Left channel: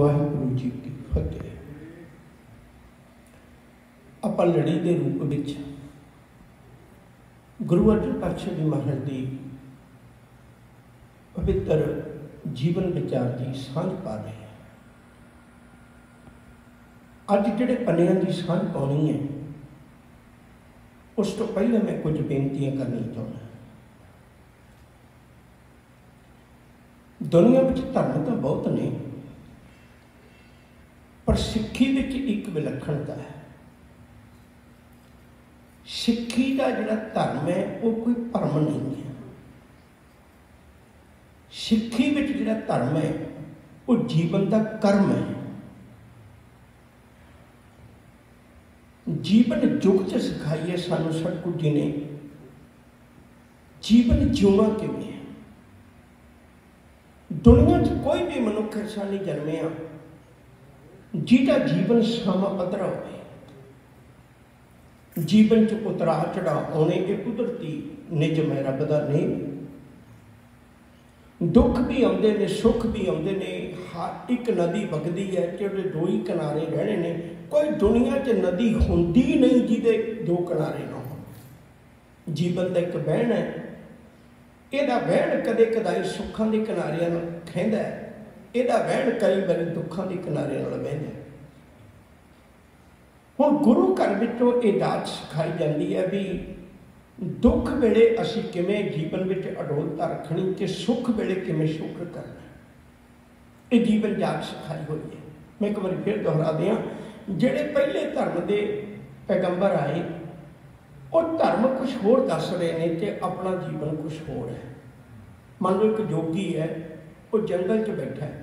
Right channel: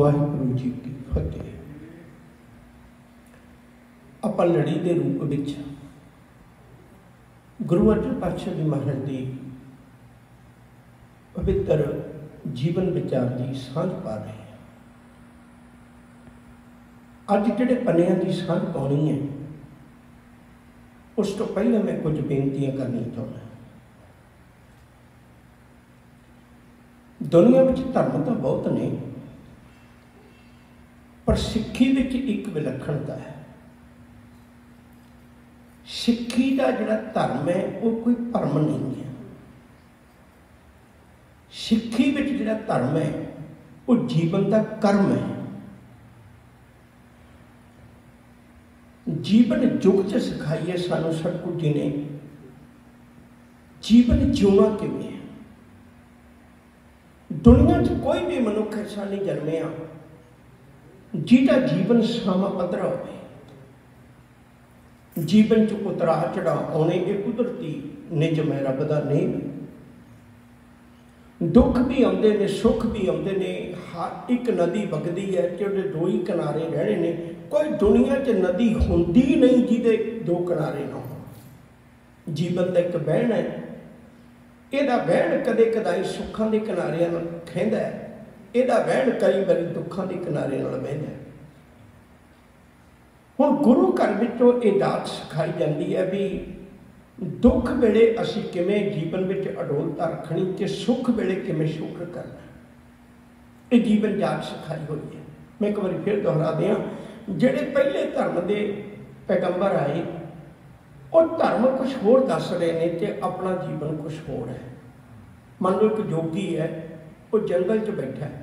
वाहिगुरू जी की फतेह। ਆਪਾਂ ਲੜੀ ਦੇ ਰੂਪ ਵਿੱਚ ਗੁਰੂ ਅਰਜਨ ਪਾਤਸ਼ਾਹ ਜੀ ਮਹਾਰਾਜ ਦੀ ਪਵਿੱਤਰ ਜੀਵਨ ਵਿਚਾਰ ਦੀ ਸਾਂਝ ਪਾ ਰਹੇ ਹਾਂ। ਅੱਜ ਜਿਹੜੇ ਪੰਨਿਆਂ ਦੀ ਸਾਂਝ ਪਾਉਣੀ ਹੈ, ਉਸ ਤੋਂ ਪਹਿਲਾਂ ਮੈਂ ਕੁਝ ਬੇਨਤੀਆਂ ਕਰਨੀਆਂ ਚਾਹੁੰਦਾ। ਦੁਨੀਆ ਵਿੱਚ ਧਰਮ ਤਾਂ ਬਹੁਤ ਨੇ, पर सिक्खी विच एक विलक्षणता है। सिक्खी का जिहड़ा धर्म है वो कोई भरम नहीं है। सिक्खी विच जिहड़ा धर्म है वो जीवन का कर्म है। जीवन युग च सिखाई है सानू सतगुरु जी ने जीवन जिउणा किवें है। दुनिया च कोई भी मनुख ऐसा नहीं जन्मिया जिहदा जीवन समा पद्धरा होवे। जीवन च उतरा चढ़ा आने ये कुदरती निजम है, रब दा नेम। दुख भी आउंदे ने, सुख भी आउंदे ने। हर एक नदी वगदी है जिहदे दो ही किनारे रहने ने। कोई दुनिया च नदी हुंदी नहीं जिहदे दो किनारे ना हो। जीवन दा एक बहन है, इहदा बहन कदे कदाई सुखां दे किनारे नाल खैंदा है, ਇਹਦਾ ਵਹਿਣ कई बार दुखों के किनारे बहना। हुण गुरु घर विचों ये दात सिखाई जाती है भी दुख वेले असीं किवें जीवन विच अडोलता रखनी ते सुख वेले किवें शुक्र करना। ये जीवन जात सिखाई हुई है। मैं एक बार फिर दोहरा दियां, जिहड़े पहले धर्म के पैगंबर आए वो धर्म कुछ होर दस रहे हैं ते अपना जीवन कुछ होर है। मान लो एक जोगी है, वो जंगल च बैठा है,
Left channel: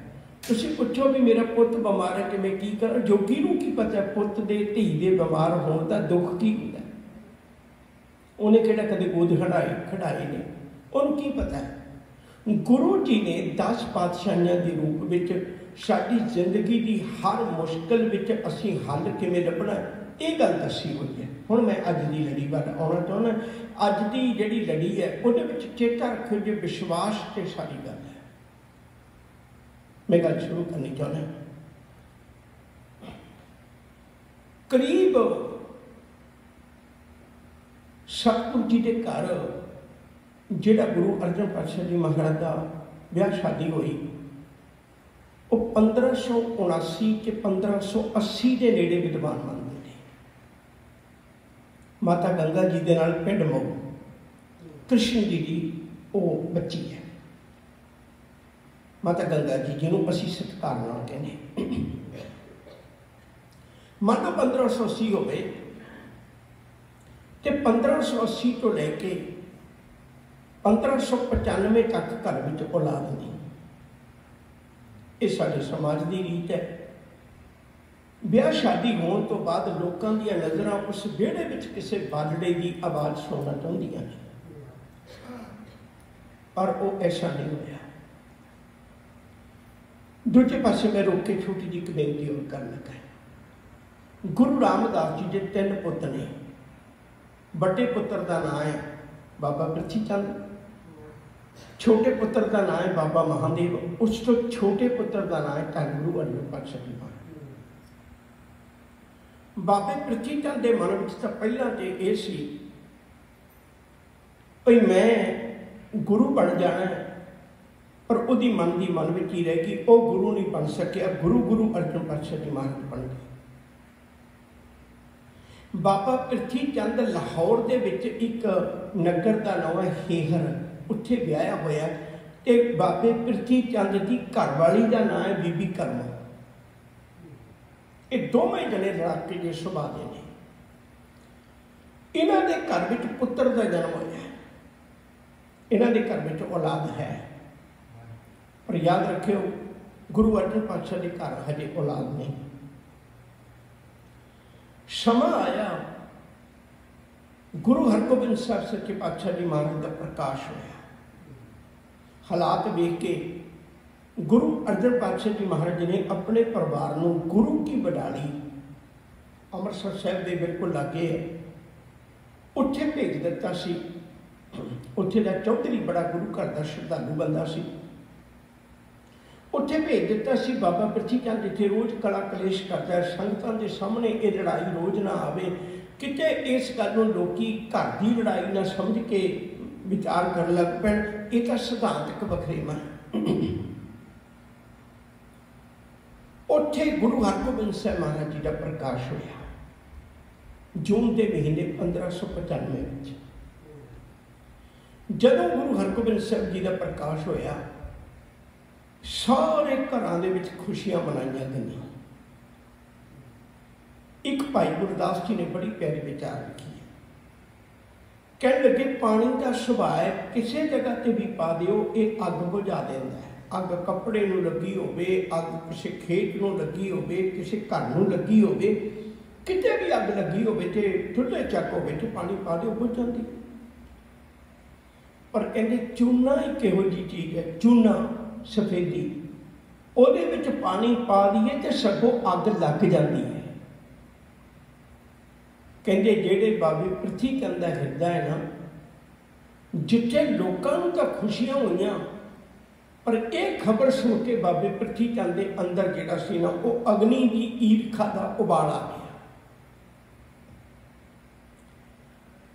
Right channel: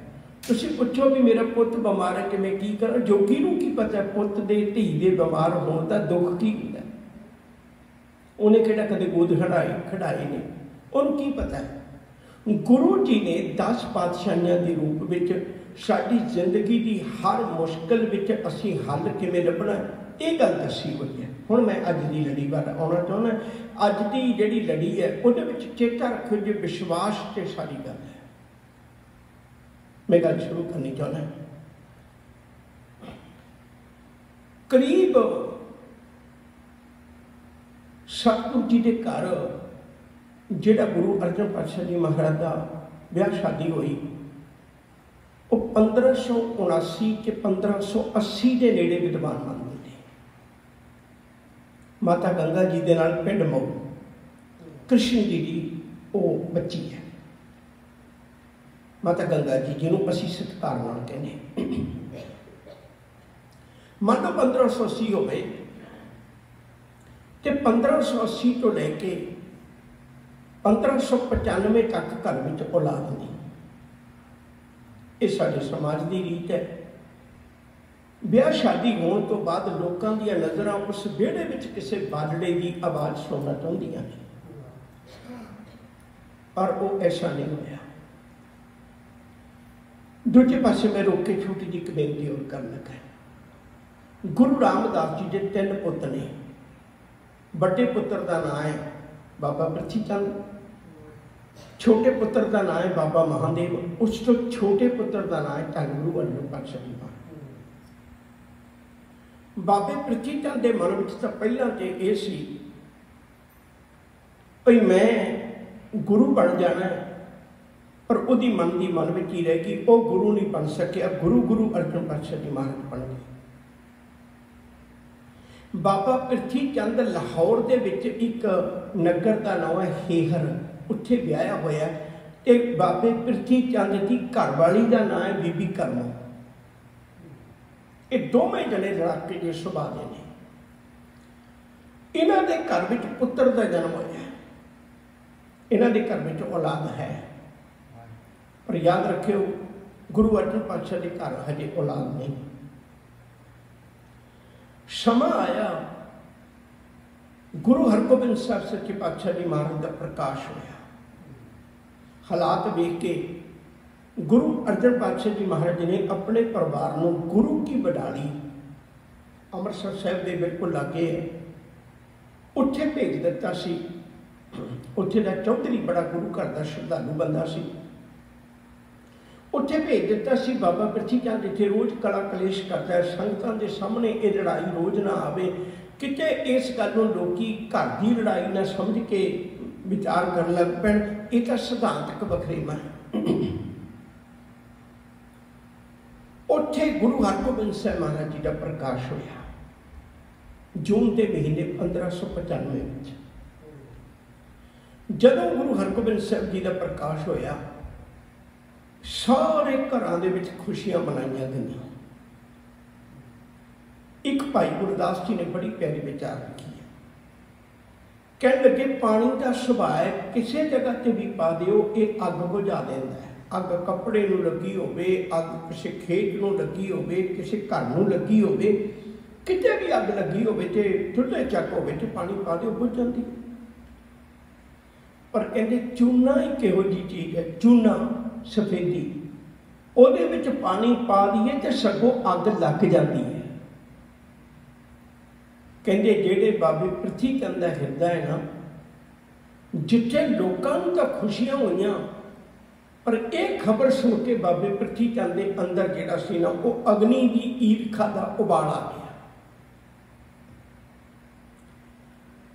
तुसीं पुछो भी मेरा पुत बीमार है किवें की करा। जोगी नूं की पता पुत दे धी दे बीमार होण दा दुख की हुंदा। उन्हें किहड़ा कदे गोद खड़ाई नहीं, उन्हें की पता है। गुरु जी ने 10 पातशाहियां के रूप विच साडी जिंदगी की हर मुश्किल विच असीं हल किवें लभणा ये गल दसी हुई है। हुण मैं अज की लड़ी वाल आउणा चाहुंदा। अज की जिहड़ी लड़ी है उहदे विच चेता रखिओ जे विश्वास ते सारी गल है। मैं गल शुरू करनी चाहना। करीब सतगुरु जी के घर जिहड़ा गुरु अर्जन पातशाह जी महाराज का ब्याह शादी हुई वो 1579 के 1580 के नेड़े विद्वान मानते थे। माता गंगा जी के नाल पिंड मऊ कृष्ण जी की वो बच्ची है। माता गंगा जी जिन्हों असी सत्कार नाल कहने। मान लो 1580 हो गए तो 1580 तो लैके 1595 तक घर में औलाद नहीं। ये साडे समाज की रीत है। ब्याह शादी होने तो बाद लोगों दी नज़रां उस विहड़े विच किसी बालड़े की आवाज़ सुनना चाहदियां ने, पर वो ऐसा नहीं होया। दूजे पासे मैं रोक के छोटी जी एक बेनती और कर लगा। गुरु रामदास जी के 3 पुत्र ने। बड़े पुत्र का नाम है बाबा पृथ्वी चंद, छोटे पुत्र का नाम है बाबा महादेव, उस तो छोटे पुत्र का नाम है धन गुरु अर्जन पातशाह जी महाराज। बाबे पृथ्वी चंद के मन में तो पहला तो यह सी भाई मैं गुरु बन जाना है, पर उसकी मन की मन में ही रह गई वो गुरु नहीं बन सकिया। गुरु अर्जन पातशाह जी महाराज बन गए। बाबा पृथ्वी चंद लाहौर के एक नगर का नाम है हेहर, उत्थे ब्याया होया। ते बाबे पृथ्वी चंद की घरवाली का नाम है बीबी करमो। ये दोवें जने लड़ाके के सुभाव के ने। इन्हां दे घर में पुत्र का जन्म होया। इन्हां दे घर में औलाद है, पर याद रखियो गुरु अर्जन पातशाह के घर हजे औलाद नहीं। समा आया, गुरु हरगोबिंद साहब सच्चे पातशाह जी महाराज का प्रकाश होया। हालात वेख के गुरु अर्जन पातशाह जी महाराज ने अपने परिवार को गुरु की बडाली अमृतसर साहब के बिल्कुल लागे उत्थे भेज दिता सी। उत्थे दा चौधरी बड़ा गुरु घर का श्रद्धालु बंदा सी। उत्थे भेज दिता सी बाबा प्रिथी चंद जिथे रोज़ कला कलेश करता है, संगतां दे सामने ये लड़ाई रोज़ ना आवे, किते इस गल नूं लोकी घर की लड़ाई ना समझ के विचार करन लग पैण, ये तां सिद्धांतक वखरेवा है। उत्थे गुरु हरगोबिंद साहिब महाराज जी का प्रकाश होया जून के महीने 1595 में। जदों गुरु हरगोबिंद साहिब जी का प्रकाश होया सारे घरां दे विच खुशियां मनाईयां गईयां। एक भाई गुरदास जी ने बड़ी प्यारी विचार रखी है, कह लगे पानी का सुभाव किसी जगह ते भी पा दिओ ये अग बुझा देंदा है। अग कपड़े नूं लगी होवे, अग किसी खेत नूं लगी होवे, किसी घर नूं लगी होवे, किते भी अग लगी होवे ते चुल्हे चक होवे ते पानी पा दिओ बुझ जांदी। पर कहंदे चूना ही किहो जी चीज़ है, चूना सफेदी ਉਹਦੇ ਵਿੱਚ पानी पा दीए तो सगों अग लग जाती है। कहते जेड़े बाबे पृथ्वी चंद का हिरदा है ना, जिथे लोगों तो खुशियां हुई पर एक खबर सुन के बाबे पृथ्वी चंद के अंदर जिहड़ा सी ना वो अग्नि की ईर्खा का उबाल आ गया।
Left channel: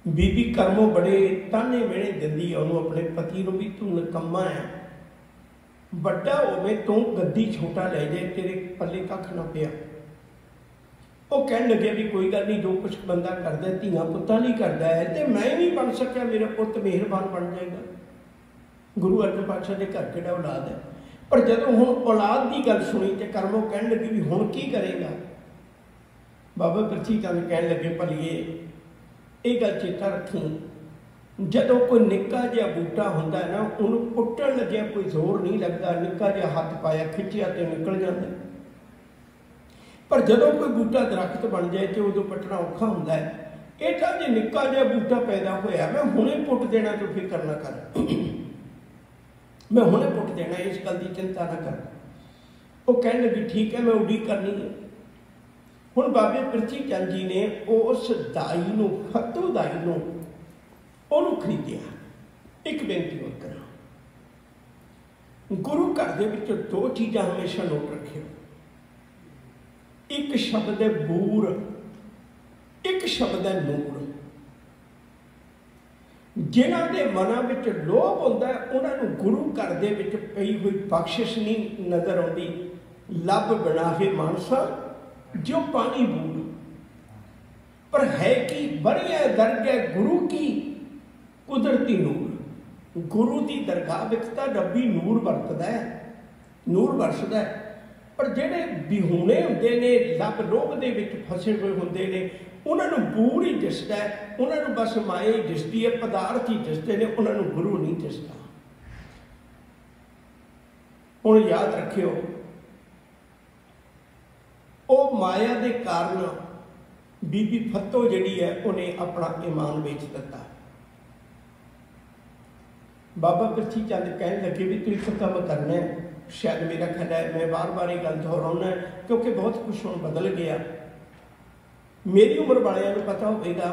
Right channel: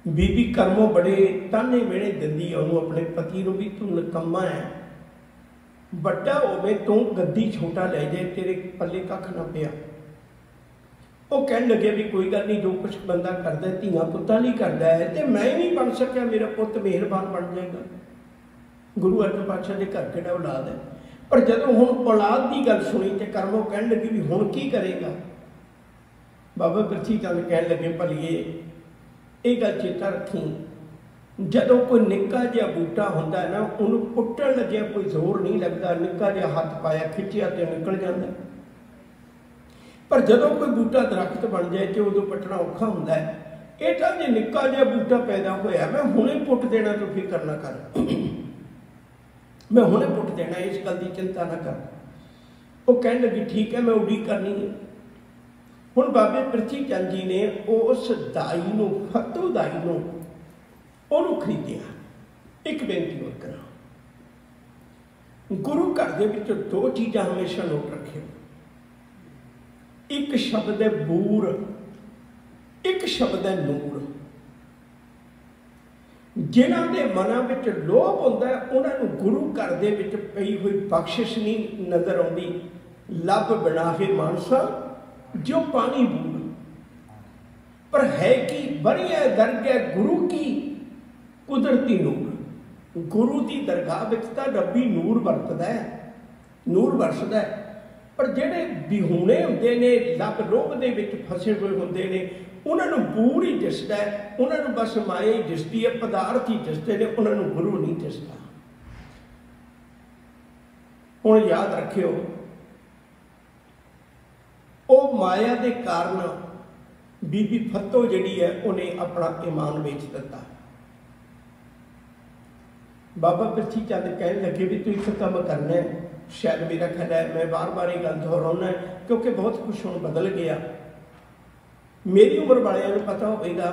बीबी कर्मों बड़े ताने मेने दिंदी उन्होंने अपने पति को भी तू निकम्मा है, बड़ा होवे तू गद्दी छोटा ले जाए, तेरे पल्ले कख ना पिया। वो कह लगे भी कोई गल नहीं, जो कुछ बंदा करता है धियां पुत्तां नहीं करता है, तो मैं नहीं बन सकिया, मेरा पुत मेहरबान बन जाएगा। गुरु अर्जन पातशाह के घर किहड़ा औलाद है, पर जदों हुण औलाद की गल सुनी तो कर्मों कह लगी भी हुण की करेगा। बाबा पृथ्वी चंद कह लगे भलीए ये गल चेता रखी, जदों कोई निक्का जिहा बूटा हुंदा है ना, उन्होंने पुट्टण लग्या कोई जोर नहीं लगता, निक्का जिहा हाथ पाया खिंचिया तो निकल जाता। पर जदों कोई बूटा दरख्त बन जाए तो उदों पट्टना औखा हुंदा है। ये तां जे निक्का जिहा बूटा पैदा होया, मैं हुणे पुट देना, तो फिक्र ना कर, मैं हुणे पुट देना, इस गल की चिंता ना कर। वो कह लगी ठीक है, मैं उड़ीक करनी है। हुण बाबे पृथ्वी चंद जी ने उस दाई नूं, फतू दाई नूं ਉਹਨੂੰ ਖਰੀਦਿਆ। एक बेनती और करा, गुरु घर दे विच दो चीज़ां हमेशा नोट रखियो, एक शब्द है बूर, एक शब्द है नूर। जिन्हां दे मनां विच लोभ हुंदा है उन्हां नूं गुरु घर दे विच पई हुई बख्शिश नहीं नज़र आउंदी। लब बनाहे मानसा जो पानी बूर, पर है कि बड़िया दरगाह गुरु की कुदरती नूर। गुरु की दरगाह विच तां रब्बी नूर वरतदा है, नूर वरसदा है, पर जिहड़े बिहूणे हुंदे ने, लग लोभ दे विच फसे हुए हुंदे ने, उन्हां नूं बूर ही दिसदा है, उन्हां नूं बस माया ही दिसदी है, पदार्थ ही दिसदे ने, उन्हां नूं गुरु नहीं दिसदा। हुण याद रखियो, वो माया के कारण बीबी फतो जिहड़ी है उन्हें अपना ईमान बेच दिता। बाबा पृथ्वी चंद कह लगे भी तू एक काम करना है, शायद मेरा ख्याल है मैं बार बार ये गल दोहराउना है क्योंकि बहुत कुछ हुण बदल गया। मेरी उम्र वालियां नूं पता होगा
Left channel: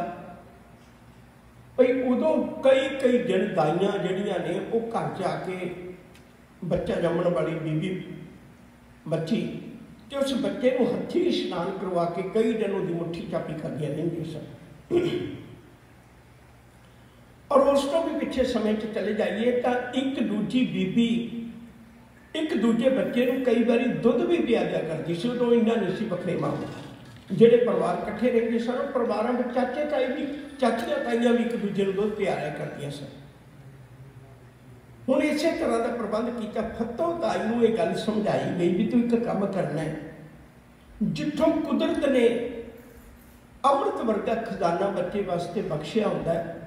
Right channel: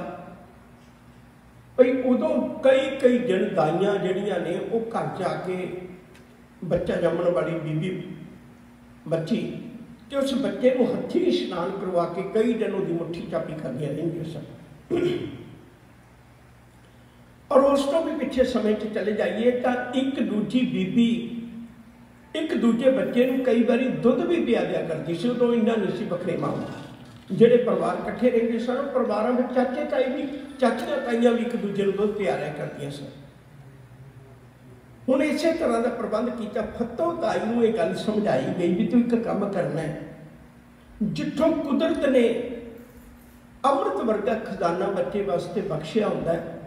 भाई उदों कई कई दिन दाइयां जिहड़ियां ने वो घर जाके बच्चा जम्मण वाली बीबी बच्ची ते उस बच्चे को हथी इशनान करवा के कई दिन उसकी मुट्ठी चापी करदियां रहिंदियां सन। और उस तो भी पिछले समय च चले जाइए तो एक दूजी बीबी एक दूजे बच्चे को कई बार दुध भी पिया दिया करती सी। उदों इन्ना नहीं सी वखरेवा हुंदा, जिहड़े परिवार इकट्ठे रहिंदे सन परिवारों में चाचे ताई भी, चाचियां ताइयां भी एक दूजे को दुध पिया करदियां सन। हुण इसे तरह का प्रबंध किया, फतो ताई नूं ये गल समझाई गई भी तू एक काम करना है, जिथों कुदरत ने अमृत वर्गा खजाना बच्चे वास्ते बख्शिया हुंदा है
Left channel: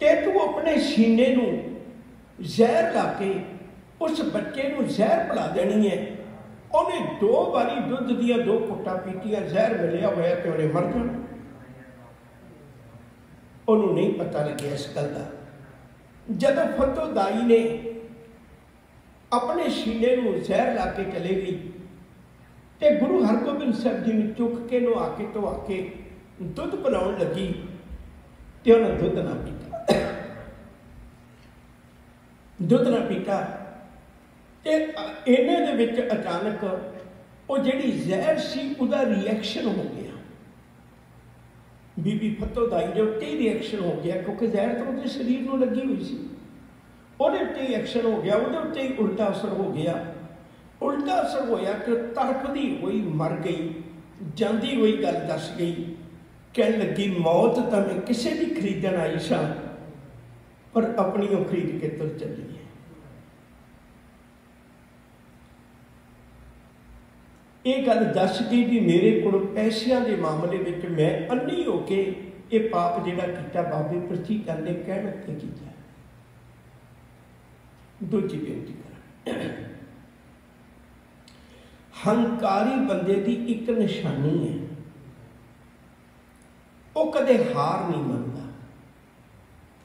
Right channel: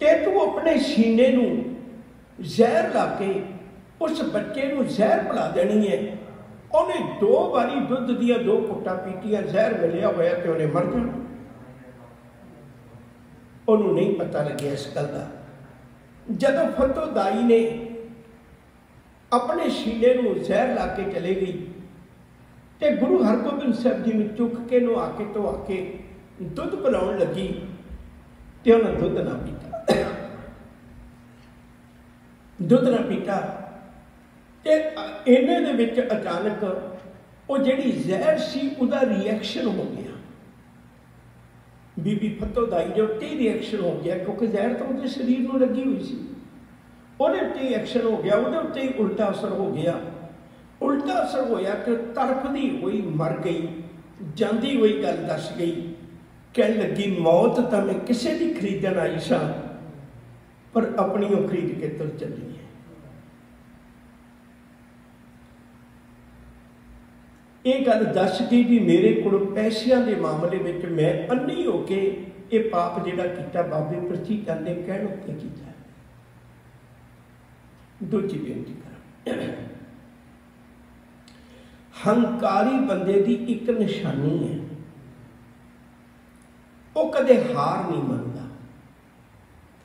ते तू अपने सीने नूं जहर ला के उस बच्चे नूं जहर पिला देनी है। उन्हें 2 बारी दुध दिया 2 घुट्टा पीतियां, जहर मिलिया होया तो उन्हें मर जाना। उन्होंने नहीं पता लगे इस गल का। जदों फतो दाई ने अपने सीने नूं जहर ला के चले गई तो गुरु हरगोबिंद साहब जी ने चुक के नुआ के धोआ के दुध पिलाउण लगी तो उन्हें दुध ना पीता, दुध ना पीता। ਤੇ ਇਹਨੇ ਦੇ ਵਿੱਚ ਅਚਾਨਕ ਉਹ ਜਿਹੜੀ ਜ਼ਹਿਰ ਸੀ ਉਹਦਾ ਰਿਐਕਸ਼ਨ ਹੋ ਗਿਆ। ਬੀਬੀ ਫਤੋਦਾਈ ਦੇ ਉੱਤੇ ਰਿਐਕਸ਼ਨ ਹੋ ਗਿਆ, ਕਿਉਂਕਿ ਜ਼ਹਿਰ ਤਾਂ ਉਹਦੇ ਸਰੀਰ ਨੂੰ ਲੱਗੀ ਹੋਈ ਸੀ। ਉਹਦੇ ਉੱਤੇ ਰਿਐਕਸ਼ਨ ਹੋ ਗਿਆ, ਉਹਦੇ ਉੱਤੇ ਹੀ ਉਲਟਾ ਅਸਰ ਹੋ ਗਿਆ। ਉਲਟਾ ਅਸਰ ਹੋਇਆ ਕਿ ਤੜਫਦੀ ਹੋਈ ਮਰ ਗਈ। ਜਾਂਦੀ ਹੋਈ ਗੱਲ ਦੱਸ ਗਈ, ਕਹਿਣ ਲੱਗੀ ਮੌਤ ਤਾਂ ਮੈਂ ਕਿਸੇ ਦੀ ਖਰੀਦਣ ਆਈ ਸਾਂ, ਪਰ ਆਪਣੀ ਉਹ ਖਰੀਦ ਕੇ ਤੁਰ ਚੱਲੀ ਹੈ। ਇਹ ਗੱਲ ਦੱਸ ਗਈ ਵੀ ਮੇਰੇ ਕੋਲ ਪੈਸਿਆਂ ਦੇ ਮਾਮਲੇ ਵਿੱਚ ਮੈਂ ਅੰਨੀ ਹੋ ਕੇ ਇਹ ਪਾਪ ਜਿਹੜਾ ਕੀਤਾ ਬਾਬੇ ਪ੍ਰਤੀ ਕਹਿੰਦੇ ਕਹਿਣ ਉੱਤੇ ਕੀਤਾ। ਦੂਜੀ ਬੇਨਤੀ ਕਰਾਂ, ਹੰਕਾਰੀ ਬੰਦੇ ਦੀ ਇੱਕ ਨਿਸ਼ਾਨੀ ਹੈ, ਉਹ ਕਦੇ ਹਾਰ ਨਹੀਂ ਮੰਨਦਾ,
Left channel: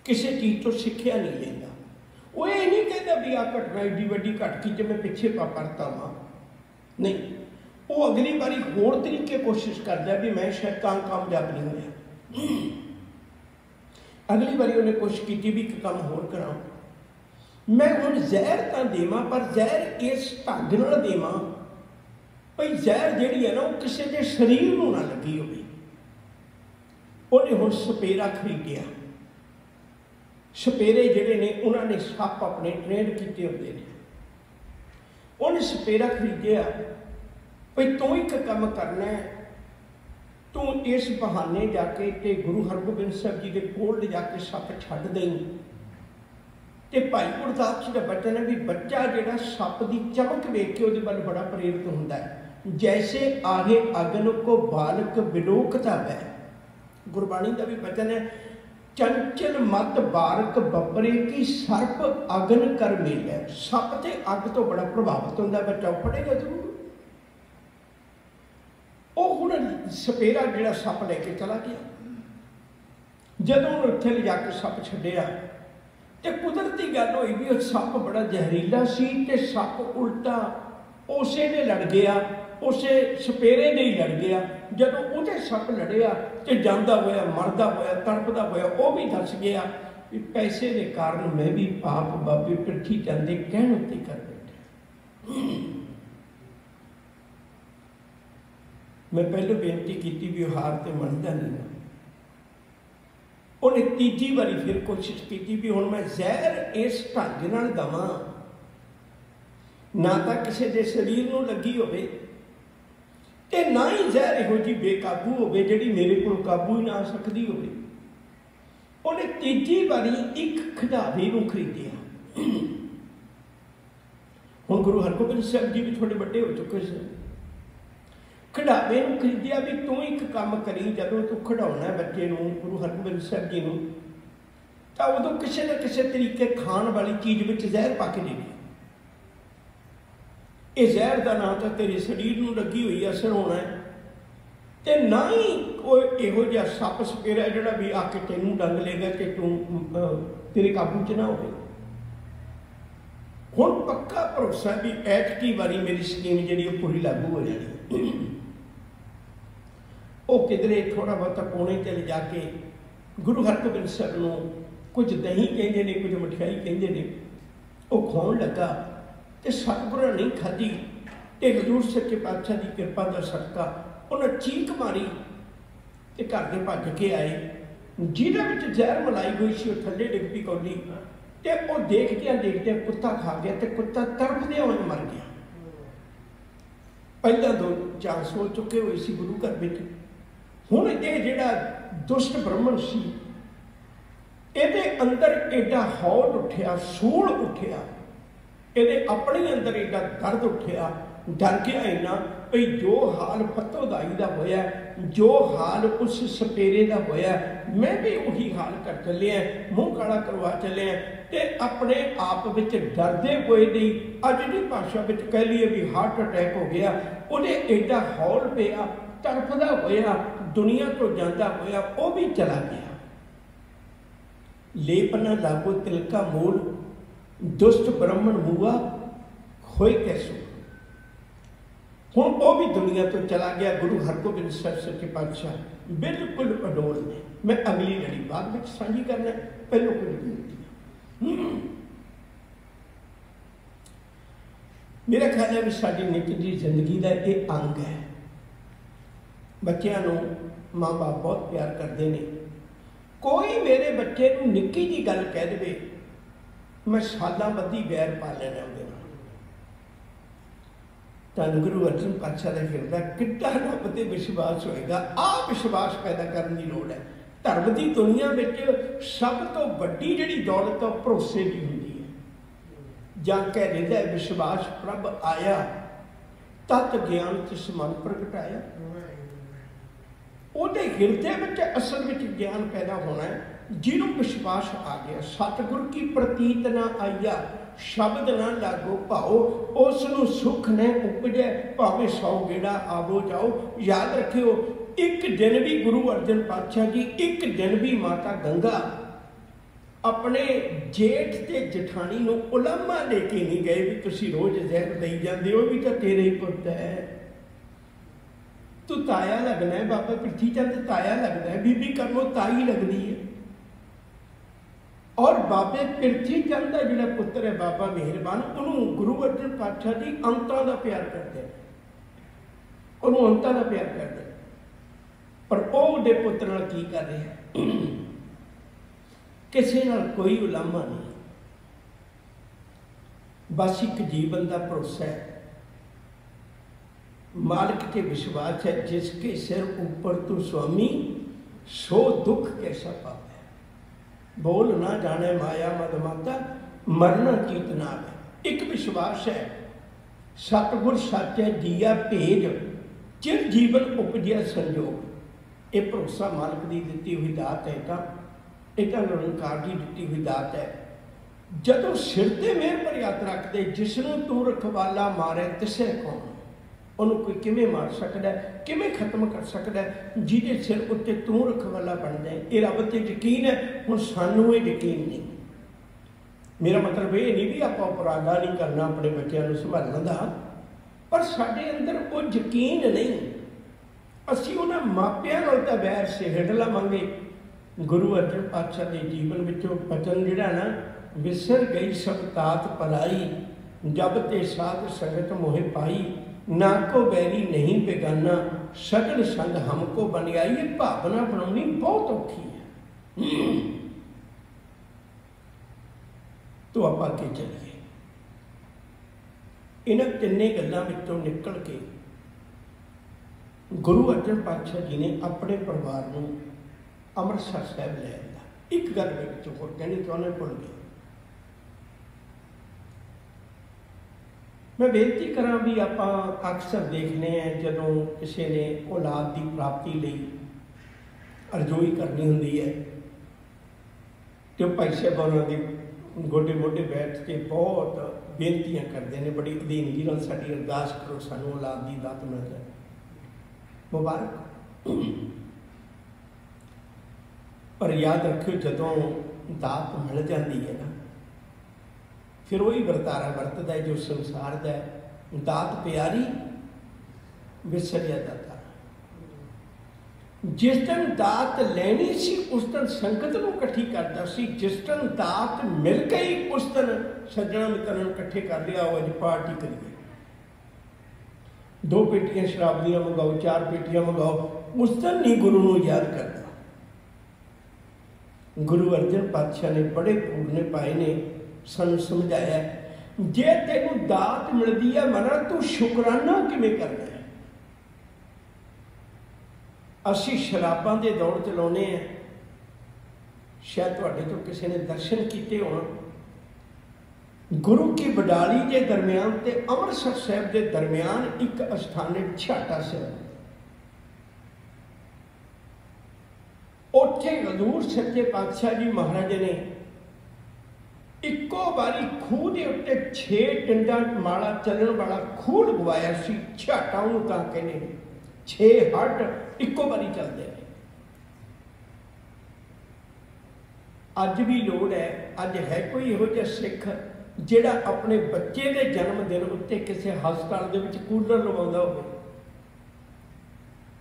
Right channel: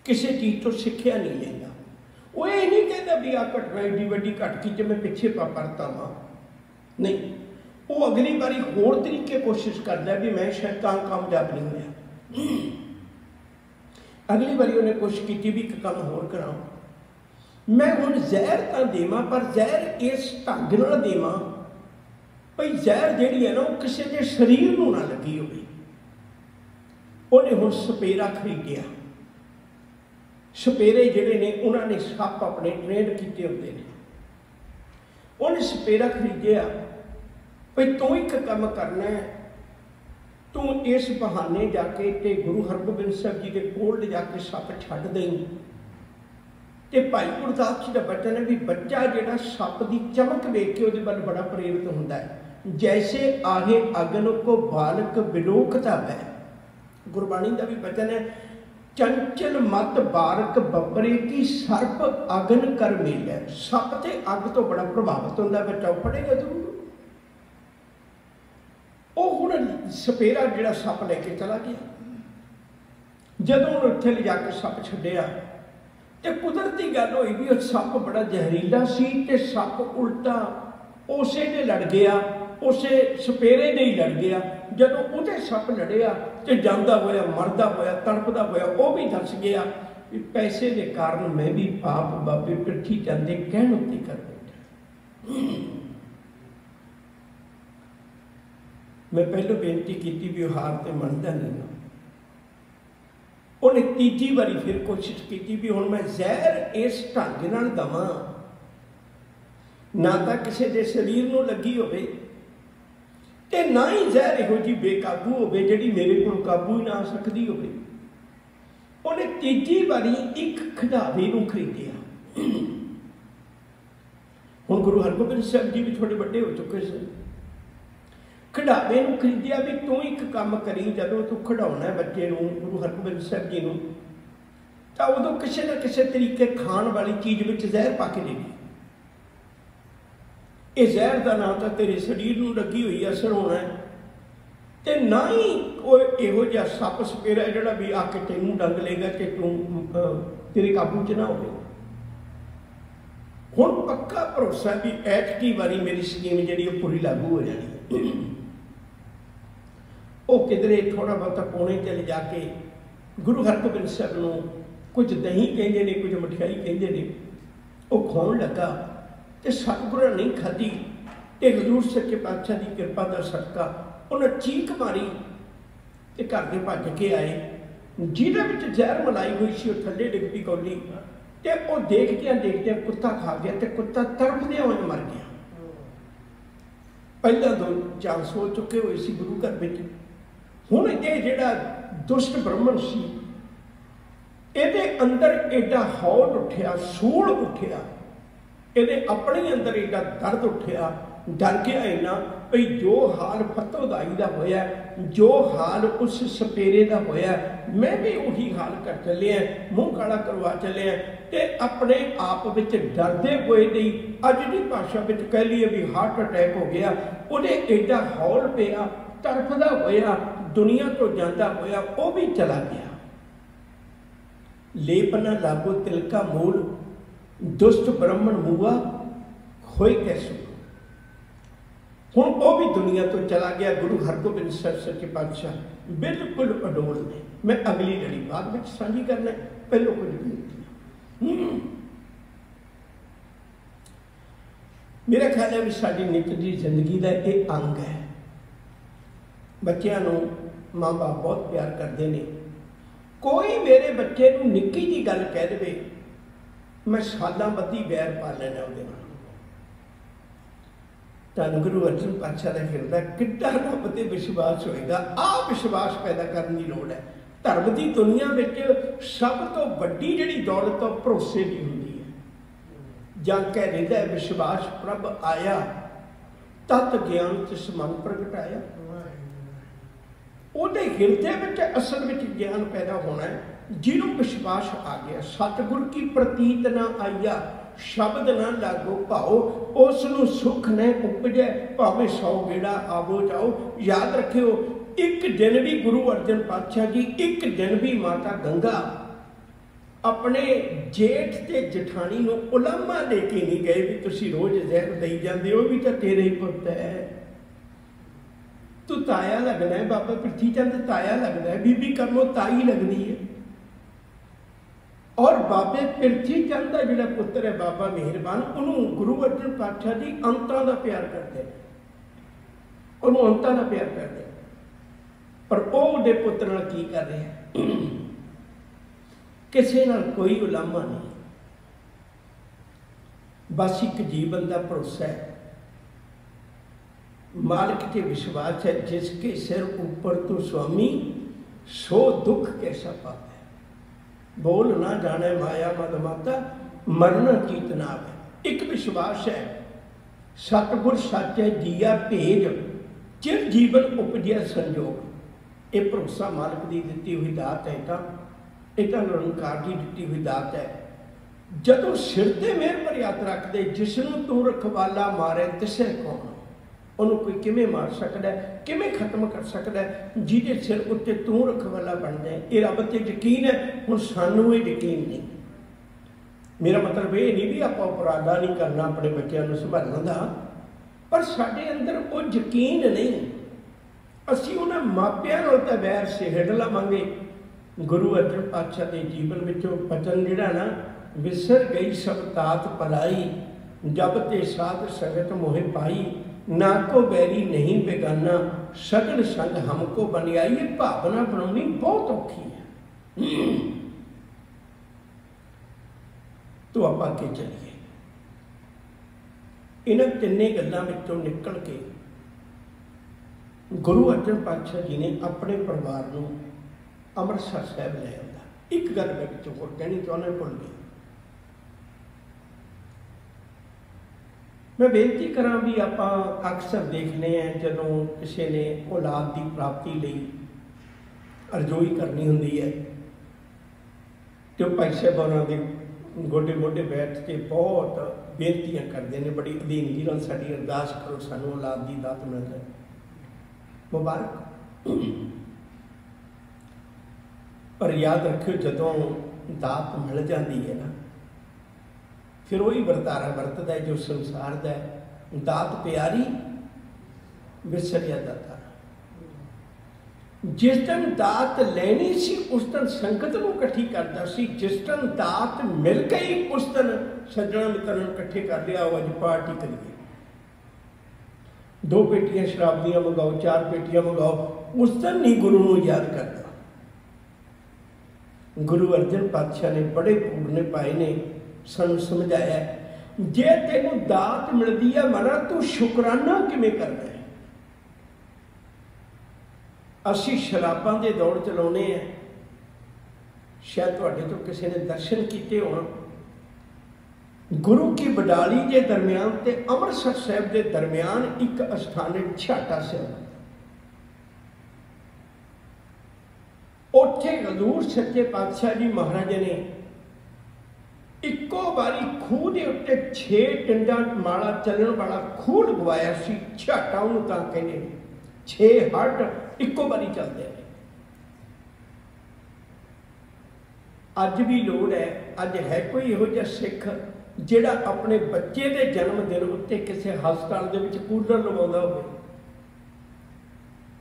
ਕਿਸੇ ਚੀਜ਼ ਤੋਂ ਸਿੱਖਿਆ ਨਹੀਂ ਲੈਂਦਾ। ਉਹ ਇਹ ਨਹੀਂ ਕਹਿੰਦਾ ਵੀ ਆਹ ਘਟਨਾ ਏਡੀ ਵੱਡੀ ਘਟ ਗਈ ਜੇ ਮੈਂ ਪਿੱਛੇ ਪਰਤਾ ਵਾਂ, ਨਹੀਂ। ਉਹ ਅਗਲੀ ਵਾਰੀ ਹੋਰ ਤਰੀਕੇ ਕੋਸ਼ਿਸ਼ ਕਰਦਾ ਵੀ ਮੈਂ ਸ਼ਾਇਦ ਕਾਮਯਾਬ ਨਹੀਂ ਹੋਇਆ। ਅਗਲੀ ਵਾਰੀ ਉਹਨੇ ਕੋਸ਼ਿਸ਼ ਕੀਤੀ ਵੀ ਇੱਕ ਕੰਮ ਹੋਰ ਕਰਾਂ, ਮੈਂ ਹੁਣ ਜ਼ਹਿਰ ਤਾਂ ਦੇਵਾਂ, ਪਰ ਜ਼ਹਿਰ ਇਸ ਢੰਗ ਨਾਲ ਦੇਵਾਂ ਭਈ ਜ਼ਹਿਰ ਜਿਹੜੀ ਹੈ ਨਾ ਉਹ ਕਿਸੇ ਦੇ ਸਰੀਰ ਨੂੰ ਨਾ ਲੱਗੀ ਹੋਵੇ। ਉਹਨੇ ਹੁਣ ਸਪੇਰਾ ਖਰੀਦਿਆ। ਸਪੇਰੇ ਜਿਹੜੇ ਨੇ ਉਹਨਾਂ ਨੇ ਸੱਪ ਆਪਣੇ ਟ੍ਰੇਨ ਕੀਤੇ ਹੁੰਦੇ ਨੇ। ਉਹਨੇ ਸਪੇਰਾ ਖਰੀਦਿਆ ਭਈ ਤੂੰ ਇੱਕ ਕੰਮ ਕਰਨਾ ਹੈ, ਤੂੰ ਇਸ ਬਹਾਨੇ ਜਾ ਕੇ ਤੇ ਗੁਰੂ ਹਰਗੋਬਿੰਦ ਸਾਹਿਬ ਜੀ ਦੇ ਕੋਲ ਲਿਜਾ ਕੇ ਸੱਪ ਛੱਡ ਦੇਈਂ। ਤੇ ਭਾਈ ਗੁਰਦਾਸ ਜੀ ਦਾ ਬਚਨ ਹੈ ਵੀ ਬੱਚਾ ਜਿਹੜਾ ਸੱਪ ਦੀ ਚਮਕ ਵੇਖ ਕੇ ਉਹਦੇ ਵੱਲ ਬੜਾ ਪ੍ਰੇਰਿਤ ਹੁੰਦਾ ਹੈ। ਜੈਸੇ ਆਹੇ ਅਗਨ ਕੋ ਬਾਲਕ ਵਿਲੋਕਤਾ ਹੈ। ਗੁਰਬਾਣੀ ਦਾ ਵੀ ਬਚਨ ਹੈ, ਚੰਚਲ ਮਤ ਬਾਰਕ ਬੱਬਰੇ ਕੀ ਸਰਪ ਅਗਨ ਕਰ ਮੇਲਿਆ। ਸੱਪ ਤੇ ਅੱਗ ਤੋਂ ਬੜਾ ਪ੍ਰਭਾਵਿਤ ਹੁੰਦਾ, ਬੱਚਾ ਪੜੇਗਾ ਜ਼ਰੂਰ। ਉਹ ਹੁਣ ਸਪੇਰਾ ਜਿਹੜਾ ਸੱਪ ਲੈ ਕੇ ਚਲਾ ਗਿਆ। ਜਦੋਂ ਉਹਨੇ ਉੱਥੇ ਲਿਜਾ ਕੇ ਸੱਪ ਛੱਡਿਆ ਤੇ ਕੁਦਰਤੀ ਗੱਲ ਹੋਈ ਵੀ ਉਹ ਸੱਪ ਬੜਾ ਜ਼ਹਿਰੀਲਾ ਸੀ ਤੇ ਸੱਪ ਉਲਟਾ ਉਸੇ ਨੇ ਲੜ ਗਿਆ, ਉਸੇ ਸਪੇਰੇ ਨੇ ਹੀ ਲੜ ਗਿਆ। ਜਦੋਂ ਉਹਦੇ ਸੱਪ ਲੜਿਆ ਤੇ ਜਾਂਦਾ ਹੋਇਆ, ਮਰਦਾ ਹੋਇਆ, ਤੜਪਦਾ ਹੋਇਆ, ਉਹ ਵੀ ਦੱਸ ਗਿਆ ਵੀ ਪੈਸੇ ਦੇ ਕਾਰਨ ਮੈਂ ਵੀ ਪਾਪ ਬਾਬੇ ਪਿੱਠੀ ਜਾਂਦੇ ਕਹਿਣ ਉੱਤੇ ਕਰ ਬੈਠਾ। ਮੈਂ ਪਹਿਲਾਂ ਬੇਨਤੀ ਕੀਤੀ ਵੀ ਉਹ ਹਾਰ ਤੇ ਮੰਨਦਾ ਨਹੀਂ। ਉਹਨੇ ਤੀਜੀ ਵਾਰੀ ਫਿਰ ਕੋਸ਼ਿਸ਼ ਕੀਤੀ ਵੀ ਹੁਣ ਮੈਂ ਜ਼ਹਿਰ ਇਸ ਢੰਗ ਨਾਲ ਦੇਵਾਂ ਨਾ ਤਾਂ ਕਿਸੇ ਦੇ ਸਰੀਰ ਨੂੰ ਲੱਗੀ ਹੋਵੇ ਤੇ ਨਾ ਹੀ ਜ਼ਹਿਰ ਇਹੋ ਜਿਹੀ ਬੇਕਾਬੂ ਹੋਵੇ ਜਿਹੜੀ ਮੇਰੇ ਕੋਲ ਕਾਬੂ ਹੀ ਨਾ ਆ ਸਕਦੀ ਹੋਵੇ। ਉਹਨੇ ਤੀਜੀ ਵਾਰੀ ਇੱਕ ਖਿਡਾਰੀ ਨੂੰ ਖਰੀਦਿਆ। ਹੁਣ ਗੁਰੂ ਹਰਗੋਬਿੰਦ ਸਾਹਿਬ ਜੀ ਵੀ ਥੋੜੇ ਵੱਡੇ ਹੋ ਚੁੱਕੇ ਸਨ। ਖਿਡਾਵੇ ਨੂੰ ਖਰੀਦਿਆ ਵੀ ਤੂੰ ਇੱਕ ਕੰਮ ਕਰੀ, ਜਦੋਂ ਤੂੰ ਖਿਡਾਉਣਾ ਬੱਚੇ ਨੂੰ, ਗੁਰੂ ਹਰਗੋਬਿੰਦ ਸਾਹਿਬ ਜੀ ਨੂੰ, ਤਾਂ ਉਦੋਂ ਕਿਸੇ ਨਾ ਕਿਸੇ ਤਰੀਕੇ ਖਾਣ ਵਾਲੀ ਚੀਜ਼ ਵਿੱਚ ਜ਼ਹਿਰ ਪਾ ਕੇ ਦੇਣੀ। ਇਹ ਜ਼ਹਿਰ ਦਾ ਨਾ ਤਾਂ ਤੇਰੇ ਸਰੀਰ ਨੂੰ ਲੱਗੀ ਹੋਈ ਅਸਰ ਹੋਣਾ ਹੈ ਤੇ ਨਾ ਹੀ ਕੋਈ ਇਹੋ ਜਿਹਾ ਸੱਪ ਸਪੇਰਾ ਜਿਹੜਾ ਵੀ ਆ ਕੇ ਤੈਨੂੰ ਡੰਗ ਲੇਗਾ ਕਿ ਤੂੰ ਤੇਰੇ ਕਾਬੂ 'ਚ ਨਾ ਹੋਵੇ। ਹੁਣ ਪੱਕਾ ਭਰੋਸਾ ਵੀ ਐਤਕੀ ਵਾਰੀ ਮੇਰੀ ਸਕੀਮ ਜਿਹੜੀ ਉਹ ਪੂਰੀ ਲਾਗੂ ਹੋ ਜਾਣੀ। ਉਹ ਕਿਧਰੇ ਥੋੜਾ ਬਹੁਤਾ ਕੋਨੇ ਤੇ ਲਿਜਾ ਕੇ ਗੁਰੂ ਹਰਗੋਬਿੰਦ ਸਾਹਿਬ ਨੂੰ ਕੁਝ ਦਹੀਂ ਕਹਿੰਦੇ ਨੇ, ਕੁਝ ਮਠਿਆਈ ਕਹਿੰਦੇ ਨੇ, ਉਹ ਖਾਣ ਲੱਗਾ ਤੇ ਸਤਿਗੁਰਾਂ ਨਹੀਂ ਖਾਧੀ ਤੇ ਹਜ਼ੂਰ ਸੱਚੇ ਪਾਤਸ਼ਾਹ ਦੀ ਕਿਰਪਾ ਦਾ ਸਦਕਾ ਉਹਨੇ ਚੀਕ ਮਾਰੀ ਤੇ ਘਰ ਦੇ ਭੱਜ ਕੇ ਆਏ। ਜਿਹਦੇ ਵਿੱਚ ਜ਼ਹਿਰ ਮਲਾਈ ਹੋਈ ਸੀ ਉਹ ਥੱਲੇ ਡਿੱਗ ਪਈ ਕੌਲੀ ਤੇ ਉਹ ਦੇਖਦਿਆਂ ਕੁੱਤਾ ਖਾ ਗਿਆ ਤੇ ਕੁੱਤਾ ਤੜਫਦੇ ਹੋਏ ਮਰ ਗਿਆ। ਪਹਿਲਾਂ 2 ਚਾਂਸ ਹੋ ਚੁੱਕੇ ਹੋਏ ਸੀ ਗੁਰੂ ਘਰ ਵਿੱਚ। ਹੁਣ ਇਹ ਜਿਹੜਾ ਦੁਸ਼ਟ ਬ੍ਰਾਹਮਣ ਸੀ ਇਹਦੇ ਅੰਦਰ ਐਡਾ ਹੌਲ ਉੱਠਿਆ, ਸੂਲ ਉੱਠਿਆ, ਇਹਦੇ ਆਪਣੇ ਅੰਦਰ ਐਡਾ ਦਰਦ ਉੱਠਿਆ, ਡਰ ਗਿਆ ਇੰਨਾ ਵੀ ਜੋ ਹਾਲ ਫਤੋਦਾਈ ਦਾ ਹੋਇਆ, ਜੋ ਹਾਲ ਉਸ ਸਪੇਰੇ ਦਾ ਹੋਇਆ, ਮੈਂ ਵੀ ਉਹੀ ਹਾਲ ਕਰ ਚੱਲਿਆ, ਮੂੰਹ ਕਾਲਾ ਕਰਵਾ ਚੱਲਿਆ। ਤੇ ਆਪਣੇ ਆਪ ਵਿੱਚ ਡਰਦੇ ਹੋਏ ਦੀ ਅੱਜ ਦੀ ਭਾਸ਼ਾ ਵਿੱਚ ਕਹਿ ਲਈਏ ਵੀ ਹਾਰਟ ਅਟੈਕ ਹੋ ਗਿਆ। ਉਹਦੇ ਐਡਾ ਹੌਲ ਪਿਆ, ਤੜਫਦਾ ਹੋਇਆ, ਦੁਨੀਆ ਤੋਂ ਜਾਂਦਾ ਹੋਇਆ, ਉਹ ਵੀ ਚਲਾ ਗਿਆ। ਲੇਪਨਾ ਲਾਗੋ ਤਿਲਕਾ ਮੂਲ, ਦੁਸ਼ਟ ਬ੍ਰਾਹਮਣ ਮੂਆ ਹੋਏ ਕੈਸੋ। ਹੁਣ ਉਹ ਵੀ ਦੁਨੀਆ ਤੋਂ ਚਲਾ ਗਿਆ। ਗੁਰੂ ਹਰਗੋਬਿੰਦ ਸਾਹਿਬ ਸੱਚੇ ਪਾਤਸ਼ਾਹ ਬਿਲਕੁਲ ਅਡੋਲ ਨੇ। ਮੈਂ ਅਗਲੀ ਲੜੀ ਬਾਅਦ ਵਿੱਚ ਸਾਂਝੀ ਕਰਨਾ, ਪਹਿਲੋਂ ਕੁਝ ਬੇਨਤੀ। मेरा ख्याल है भी साडी नित दी जिंदगी का एक अंग है। बच्चों नूं माँ बाप बहुत प्यार करते हैं। कोई मेरे बच्चे नूं निक्की जी गल कह दे, मैं सालां बद्धी बैर पा लेना उहदे नाल। धन गुरु अर्जन पातशाह का फिरदा कितना रब ते विश्वास होएगा। आ विश्वास पैदा करने की लोड़ है। धर्म की दुनिया में सब तो वड्डी जिहड़ी दौलत है भरोसे की होंदी है। जां कह रहा है विश्वास प्रभ आया, तत् ज्ञान तिस मन प्रगटाया। उहदे हिरदे में असल में ज्ञान पैदा होना है जिन्हों विश्वास आ गया। सतगुर की प्रतीत ना आईया, शब्द ना लागो भाओ, उसनूं सुख ने उपजे भावें 100 गेड़ा आवो जाओ। याद रखियो, एक दिन भी गुरु अर्जन पातशाह जी, एक दिन भी माता गंगा अपने जेठ ते जठानी नूं उलामा लेके नहीं गए भी तुसीं रोज जहर दई जांदे हो, भी तो तेरे ही पुत है, तू ताया लगना है। बाबा पृथ्वी चंद ताया लगना है, बीबी करमो ताई लगनी है। और बाबे पृथ्वी चंद का जिहड़ा पुत्र है बाबा मेहरबान, उन्होंने गुरु अर्जन पातशाह जी अंतां दा प्यार करते हैं, उन्होंने अंतां दा प्यार करते हैं। पर वह उहदे पुत्र नाल की कर रहे हैं? किसी नाल कोई उलामा नहीं, बस एक जीवन का भरोसा है, मालिक के विश्वास है। जिसके सिर ऊपर तू स्वामी, सो दुख कैसा पाता है। बोल ना जाने माया मद माता, मरना कीतना है। एक विश्वास है, सतगुर सच है जिया भेज, चिर जीवन उपजिया संजोग। ये भरोसा मालिक की दी हुई दात है। एक निरंकार की दी हुई दात है। जदों सिर ते मेहर पर याद रखते, जिसनों तू रखवाला मारे तिसे कौन, उन्होंने कोई किमें मार सकता है, किमें खत्म कर सकता है, जिहदे सिर उत्ते तू रखवाला बन जाए। ये रब ते यकीन है। हुण सानूं ये यकीन नहीं। मेरा मतलब ये नहीं भी आप उपराला नहीं करना अपने बच्चों को संभालने का, पर साडे अंदर वो यकीन नहीं। असीं उन्हां मापियां नाल तां वैर सिहड़ लवांगे। गुरु अर्जन पातशाह के जीवन विचों बचन जिहड़ा ना, विसर गई सब तात पलाई, जब ते साध संगत मोहे पाई, ना को बैरी नहीं बेगाना, सगल संग हमको बन आई। ये भावना बनानी बहुत औखी है। तो आप आगे चलिए। इन तिन्ने गल्लां विचों निकल के गुरु अर्जन पातशाह जी ने अपने परिवार को अमृतसर साहब ले आया। एक गल मैं पिछों होर कहनी चाहुंदा, भुल गया। मैं बेनती करा भी आप अक्सर देखने हैं जदों किसी ने औलाद की प्राप्ति लई अरजोई करनी होंदी है, तो भाई साहबानां दे गोडे मोडे बैठ के बहुत बेनतियां करते हैं, बड़ी अधीनगी नाल साडी अरदास करो, सानूं औलाद की दात मिल जाए, मुबारक। पर याद रखियो, जदों दात मिल जाती है ना, फिर वही वरतारा वरतदा है जो संसार का है। दात प्यारी विसरिया दाता। जिस दिन दात लेनी सी उस दिन संगत को इकट्ठी करता सी, जिस दिन दात मिल गई उस दिन सज्जणा मित्रों इकट्ठे कर लिया, आज पार्टी करिए, 2 पेटियां शराब दियां मंगाओ, 4 पेटियां मंगाओ, उस दिन नहीं गुरु को याद करता। गुरु अर्जन पातशाह ने बड़े पूरने पाए ने सानू समझाया, जे तेनू दात मिलती है मना, तू शुकराना किवें करना है। असी शराबां दे दौड़ चलाउने हैं। शायद तुहाडे तो किसी ने दर्शन किए होण, गुरु की बडाली के दरम्यान ते अमृतसर साहब के दरम्यान एक अस्थानिक छाटा से, उत्थे हजूर सच्चे पातशाह जी महाराज ने इको बारी खूह के उत्ते 6 टिंडा माला चलण वाला खूह लगवाया सी। छाटा उन्होंने तां कहने, 6 हट इको बारी चलते हैं। अज भी लोड़ है, अज है कोई इहो जिहा सिख जिहड़ा अपने बच्चे के जन्मदिन उत्ते किसी हस्पताल दे विच कूलर लवाउंदा होवे?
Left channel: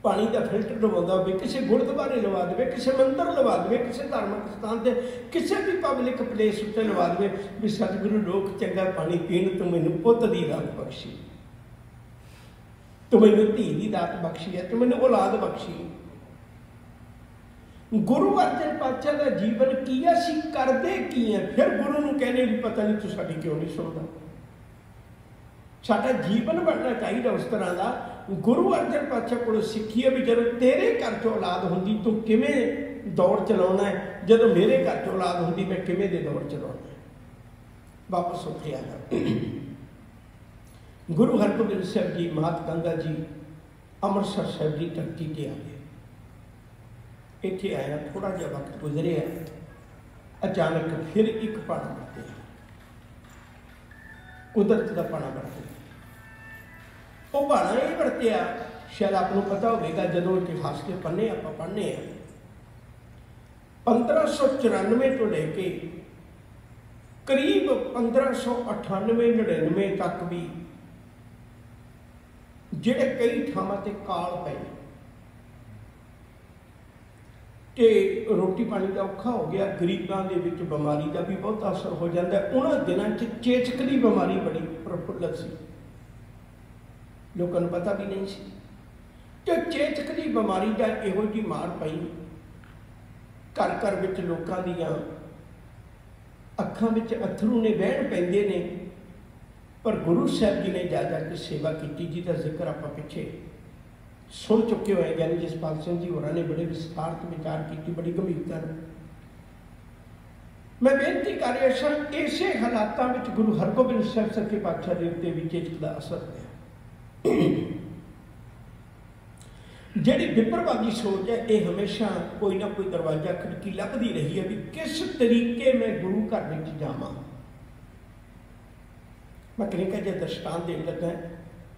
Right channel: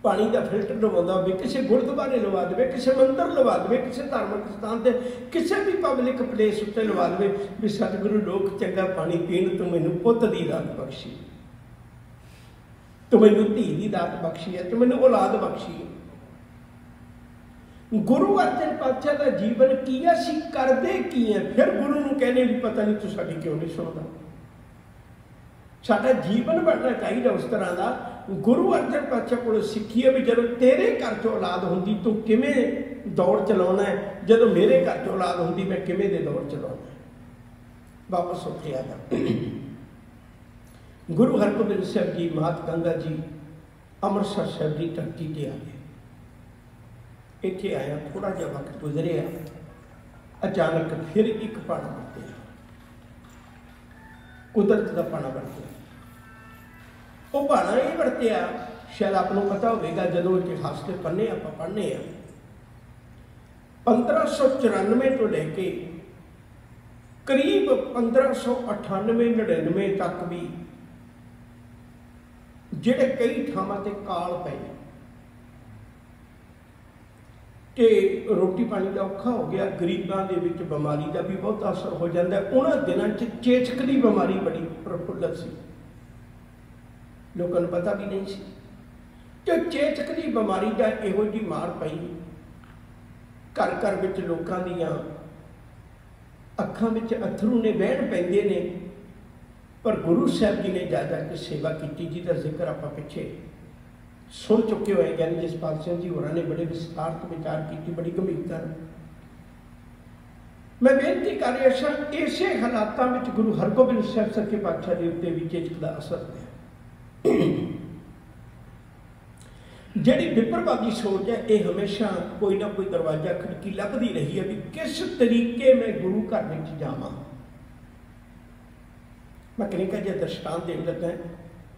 पानी का फिल्टर लवाਉਂਦਾ ਹੋਵੇ, ਕਿਸੇ ਗੁਰਦੁਆਰੇ ਲਵਾ ਦੇਵੇ, ਕਿਸੇ ਮੰਦਰ ਲਵਾ ਦੇਵੇ, ਕਿਸੇ ਧਾਰਮਿਕ ਸਥਾਨ ਤੇ, ਕਿਸੇ ਵੀ ਪਬਲਿਕ ਪਲੇਸ ਉੱਤੇ ਲਵਾ ਦੇਵੇ ਵੀ ਸਤਿਗੁਰੂ ਲੋਕ ਚੰਗਾ ਪਾਣੀ ਪੀਣ, ਤੂੰ ਮੈਨੂੰ ਪੁੱਤ ਦੀ ਦਾਤ ਬਖਸ਼ੀ, ਤੂੰ ਮੈਨੂੰ ਧੀ ਦੀ ਦਾਤ ਬਖਸ਼ੀ ਹੈ, ਤੂੰ ਮੈਨੂੰ ਔਲਾਦ ਬਖਸ਼ੀ ਹੈ। ਗੁਰੂ ਅਰਜਨ ਪਾਤਸ਼ਾਹ ਦਾ ਜੀਵਨ ਕੀ ਹੈ, ਅਸੀਂ ਕਰਦੇ ਕੀ ਹੈ। ਫਿਰ ਗੁਰੂ ਨੂੰ ਕਹਿੰਦੇ ਵੀ ਪਤਾ ਨਹੀਂ ਤੂੰ ਸਾਡੀ ਕਿਉਂ ਨਹੀਂ ਸੁਣਦਾ। ਸਾਡਾ ਜੀਵਨ ਬਣਨਾ ਚਾਹੀਦਾ ਉਸ ਤਰ੍ਹਾਂ ਦਾ। ਗੁਰੂ ਅਰਜਨ ਪਾਤਸ਼ਾਹ ਕੋਲੋਂ ਸਿੱਖੀਏ ਵੀ ਜਦੋਂ ਤੇਰੇ ਘਰ 'ਚ ਔਲਾਦ ਹੁੰਦੀ ਤੂੰ ਕਿਵੇਂ ਦੌੜ ਚਲਾਉਣਾ ਹੈ, ਜਦੋਂ ਮੇਰੇ ਘਰ 'ਚ ਔਲਾਦ ਹੁੰਦੀ ਮੈਂ ਕਿਵੇਂ ਦੇ ਦੌੜ ਚਲਾਉਣਾ ਹੈ। ਵਾਪਸ ਉੱਠਿਆ ਜਾ। ਗੁਰੂ ਹਰਗੋਬਿੰਦ ਸਾਹਿਬ ਜੀ, ਮਹਾਤਮਾ ਗੰਗਾ ਜੀ ਅੰਮ੍ਰਿਤਸਰ ਸਾਹਿਬ ਦੀ ਧਰਤੀ 'ਤੇ ਆ ਗਏ। ਇੱਥੇ ਆਇਆ, ਥੋੜਾ ਜਿਹਾ ਵਕਤ ਗੁਜ਼ਰਿਆ, ਅਚਾਨਕ ਫਿਰ ਇੱਕ ਪਾਣਾ ਵਰਤਿਆ, ਕੁਦਰਤ ਦਾ ਪਾਣਾ ਵਰਤਿਆ। ਉਹ ਪਾਣਾ ਇਹ ਵਰਤਿਆ, ਸ਼ਾਇਦ ਆਪ ਨੂੰ ਪਤਾ ਹੋਵੇਗਾ, ਜਦੋਂ ਇਤਿਹਾਸ ਦੇ ਪੰਨੇ ਆਪਾਂ ਪੜ੍ਹਨੇ ਆ, 1594 ਤੋਂ ਲੈ ਕੇ ਕਰੀਬ 1598-99 ਤੱਕ ਵੀ ਜਿਹੜੇ ਕਈ ਥਾਵਾਂ ਤੇ ਕਾਲ ਪਏ ਤੇ ਰੋਟੀ ਪਾਣੀ ਦਾ ਔਖਾ ਹੋ ਗਿਆ, ਗਰੀਬਾਂ ਦੇ ਵਿੱਚ ਬਿਮਾਰੀ ਦਾ ਵੀ ਬਹੁਤ ਅਸਰ ਹੋ ਜਾਂਦਾ। ਉਹਨਾਂ ਦਿਨਾਂ 'ਚ ਚੇਚਕ ਦੀ ਬਿਮਾਰੀ ਬੜੀ ਪ੍ਰਫੁੱਲਤ ਸੀ, ਲੋਕਾਂ ਨੂੰ ਪਤਾ ਵੀ ਨਹੀਂ ਸੀ। ਤੇ ਚੇਚਕ ਦੀ ਬਿਮਾਰੀ ਦਾ ਇਹੋ ਜਿਹੀ ਮਾਰ ਪਈ, ਘਰ ਘਰ ਵਿੱਚ ਲੋਕਾਂ ਦੀਆਂ ਅੱਖਾਂ ਵਿੱਚ ਅਥਰੂ ਨੇ ਵਹਿਣ ਪੈਂਦੇ ਨੇ। ਪਰ ਗੁਰੂ ਸਾਹਿਬ ਜੀ ਨੇ ਜਾ ਕੇ ਸੇਵਾ ਕੀਤੀ, ਜਿਹਦਾ ਜ਼ਿਕਰ ਆਪਾਂ ਪਿੱਛੇ ਸੁਣ ਚੁੱਕੇ ਹੋਏ। ਗਿਆਨੀ ਜਸਪਾਲ ਸਿੰਘ ਜੀ ਹੋਰਾਂ ਨੇ ਬੜੇ ਵਿਸਤਾਰਤ ਵਿਚਾਰ ਕੀਤੀ, ਬੜੀ ਗੰਭੀਰਤਾ ਨਾਲ। ਮੈਂ ਬੇਨਤੀ ਕਰ ਰਿਹਾ ਸਾਂ, ਇਸੇ ਹਾਲਾਤਾਂ ਵਿੱਚ ਗੁਰੂ ਹਰਗੋਬਿੰਦ ਸਾਹਿਬ ਸੱਚੇ ਪਾਤਸ਼ਾਹ ਦੇ ਉੱਤੇ ਵੀ ਚੇਚਕ ਦਾ ਅਸਰ ਹੋਇਆ। ਜਿਹੜੀ ਵਿਪਰਵਾਦੀ ਸੋਚ ਹੈ, ਇਹ ਹਮੇਸ਼ਾ ਕੋਈ ਨਾ ਕੋਈ ਦਰਵਾਜ਼ਾ ਖਿੜਕੀ ਲੱਭਦੀ ਰਹੀ ਹੈ ਵੀ ਕਿਸ ਤਰੀਕੇ ਮੈਂ ਗੁਰੂ ਘਰ ਵਿੱਚ ਜਾਵਾਂ। ਮੈਂ ਕਨੇਕਾ ਜਿਹਾ ਦਰਸ਼ਾਂਤ ਦੇਣ ਲੱਗਾ,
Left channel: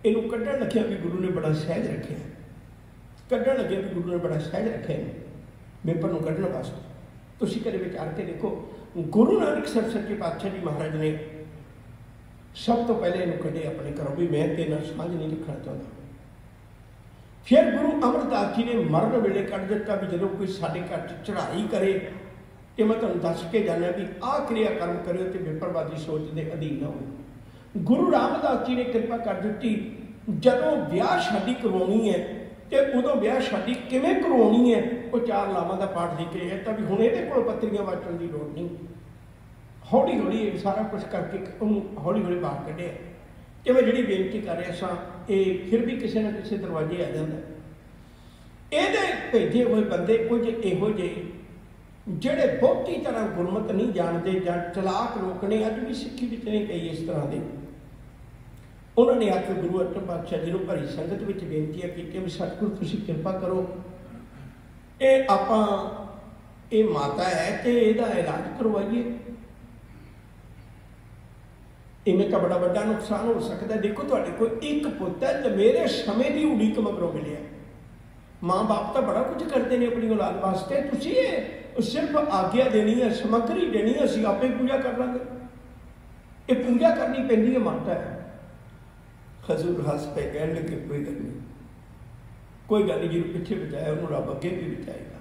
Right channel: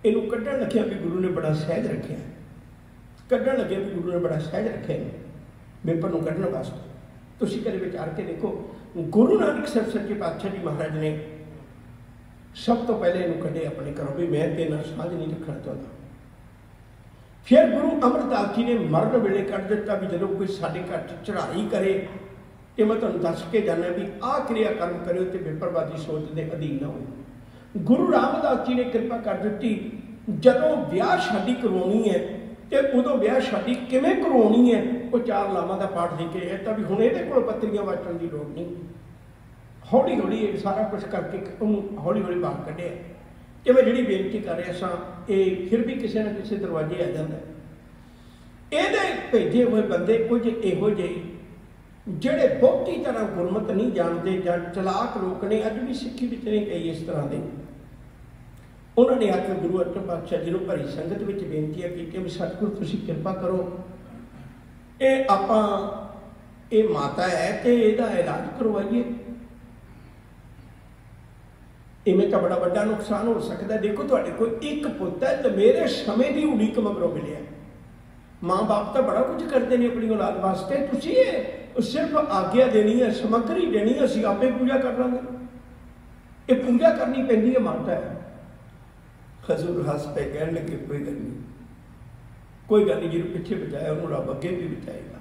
ਇਹਨੂੰ ਕੱਢਣ ਲੱਗਿਆ ਵੀ ਗੁਰੂ ਨੇ ਬੜਾ ਸਹਿਜ ਰੱਖਿਆ, ਕੱਢਣ ਲੱਗਿਆ ਵੀ ਗੁਰੂ ਨੇ ਬੜਾ ਸਹਿਜ ਰੱਖਿਆ ਵਿਪਰ ਨੂੰ ਕੱਢਣ ਵਾਸਤੇ। ਤੁਸੀਂ ਕਦੇ ਵਿਚਾਰ ਕੇ ਦੇਖੋ, ਗੁਰੂ ਨਾਨਕ ਸਾਹਿਬ ਸੱਚੇ ਪਾਤਸ਼ਾਹ ਜੀ ਮਹਾਰਾਜ ਨੇ ਸਭ ਤੋਂ ਪਹਿਲੇ ਇਹਨੂੰ ਕੱਢੇ ਆਪਣੇ ਘਰੋਂ ਵੀ ਮੈਂ ਤੇਰੇ ਨਾਲ ਸਾਂਝ ਨਹੀਂ ਰੱਖਣਾ ਚਾਹੁੰਦਾ। ਫਿਰ ਗੁਰੂ ਅਮਰਦਾਸ ਜੀ ਨੇ ਮਰਨ ਵੇਲੇ ਕੱਢ ਦਿੱਤਾ ਵੀ ਜਦੋਂ ਕੋਈ ਸਾਡੇ ਘਰ 'ਚ ਚੜ੍ਹਾਈ ਕਰੇ ਤੇ ਮੈਂ ਤੁਹਾਨੂੰ ਦੱਸ ਕੇ ਜਾਣਾ ਵੀ ਆਹ ਕਿਰਿਆ ਕਰਮ ਕਰਿਓ ਤੇ ਵਿਪਰਵਾਦੀ ਸੋਚ ਦੇ ਅਧੀਨ ਨਾ ਹੋਵੇ। ਗੁਰੂ ਰਾਮਦਾਸ ਜੀ ਨੇ ਕਿਰਪਾ ਕਰ ਦਿੱਤੀ, ਜਦੋਂ ਵਿਆਹ ਸ਼ਾਦੀ ਕਰਵਾਉਣੀ ਹੈ ਤੇ ਉਦੋਂ ਵਿਆਹ ਸ਼ਾਦੀ ਕਿਵੇਂ ਕਰਵਾਉਣੀ ਹੈ, ਉਹ 4 ਲਾਵਾਂ ਦਾ ਪਾਠ ਦੇ ਕੇ ਤਾਂ ਵੀ ਹੁਣ ਇਹਦੇ ਕੋਲ ਪੱਤਰੀਆਂ ਵਾਟਣ ਦੀ ਲੋੜ ਨਹੀਂ। ਹੌਲੀ ਹੌਲੀ ਇਹ ਸਾਰਾ ਕੁਛ ਕਰਕੇ ਉਹਨੂੰ ਹੌਲੀ ਹੌਲੀ ਬਾਹਰ ਕੱਢਿਆ। ਕਿ ਮੈਂ ਜਿਹੜੀ ਬੇਨਤੀ ਕਰ ਰਿਹਾ ਸਾਂ, ਇਹ ਫਿਰ ਵੀ ਕਿਸੇ ਨਾ ਕਿਸੇ ਦਰਵਾਜ਼ੇ ਆ ਜਾਂਦਾ। ਇਹਦੇ ਭੇਜੇ ਹੋਏ ਬੰਦੇ ਕੁਝ ਇਹੋ ਜਿਹੇ ਜਿਹੜੇ ਬਹੁਤੀ ਤਰ੍ਹਾਂ ਗੁਰਮਤਿ ਨਹੀਂ ਜਾਣਦੇ ਜਾਂ ਚਲਾਕ ਲੋਕ ਨੇ, ਅੱਜ ਵੀ ਸਿੱਖੀ ਵਿੱਚ ਨੇ ਕਈ ਇਸ ਤਰ੍ਹਾਂ ਦੇ। ਉਹਨਾਂ ਨੇ ਆ ਕੇ ਗੁਰੂ ਅਰਜਨ ਪਾਤਸ਼ਾਹ ਜੀ ਨੂੰ ਭਰੀ ਸੰਗਤ ਵਿੱਚ ਬੇਨਤੀਆਂ ਕੀਤੀਆਂ ਵੀ ਸਤਿਗੁਰੂ ਤੁਸੀਂ ਕਿਰਪਾ ਕਰੋ, ਇਹ ਆਪਾਂ ਇਹ ਮਾਤਾ ਹੈ ਤੇ ਇਹਦਾ ਇਲਾਜ ਕਰਵਾਈਏ। ਇਵੇਂ ਤਾਂ ਬੜਾ ਵੱਡਾ ਨੁਕਸਾਨ ਹੋ ਸਕਦਾ। ਦੇਖੋ ਤੁਹਾਡੇ ਕੋਲ ਇੱਕ ਪੁੱਤ ਹੈ ਤੇ ਮੇਰੇ ਸਮੇਂ ਦੀ ਉਡੀਕ ਮਗਰੋਂ ਮਿਲਿਆ। ਮਾਂ ਬਾਪ ਤਾਂ ਬੜਾ ਕੁਝ ਕਰਦੇ ਨੇ ਆਪਣੀ ਔਲਾਦ ਵਾਸਤੇ, ਤੁਸੀਂ ਇਹ ਸਿਰਫ ਆਗਿਆ ਦੇਣੀ ਹੈ, ਸਮੱਗਰੀ ਦੇਣੀ ਹੈ, ਅਸੀਂ ਆਪੇ ਪੂਜਾ ਕਰ ਲਾਂਗੇ। ਇਹ ਪੂਜਾ ਕਰਨੀ ਪੈਂਦੀ ਹੈ ਮਾਤਾ ਹੈ। ਹਜ਼ੂਰ ਹੱਸ ਪਏ, ਕਹਿਣ ਲੱਗੇ ਕੋਈ ਗੱਲ ਨਹੀਂ, ਕੋਈ ਗੱਲ ਨਹੀਂ, ਜਿਹਨੂੰ ਪਿੱਛੇ ਬਚਾਇਆ ਉਹਨੂੰ ਰੱਬ ਅੱਗੇ ਵੀ ਬਚਾਏਗਾ।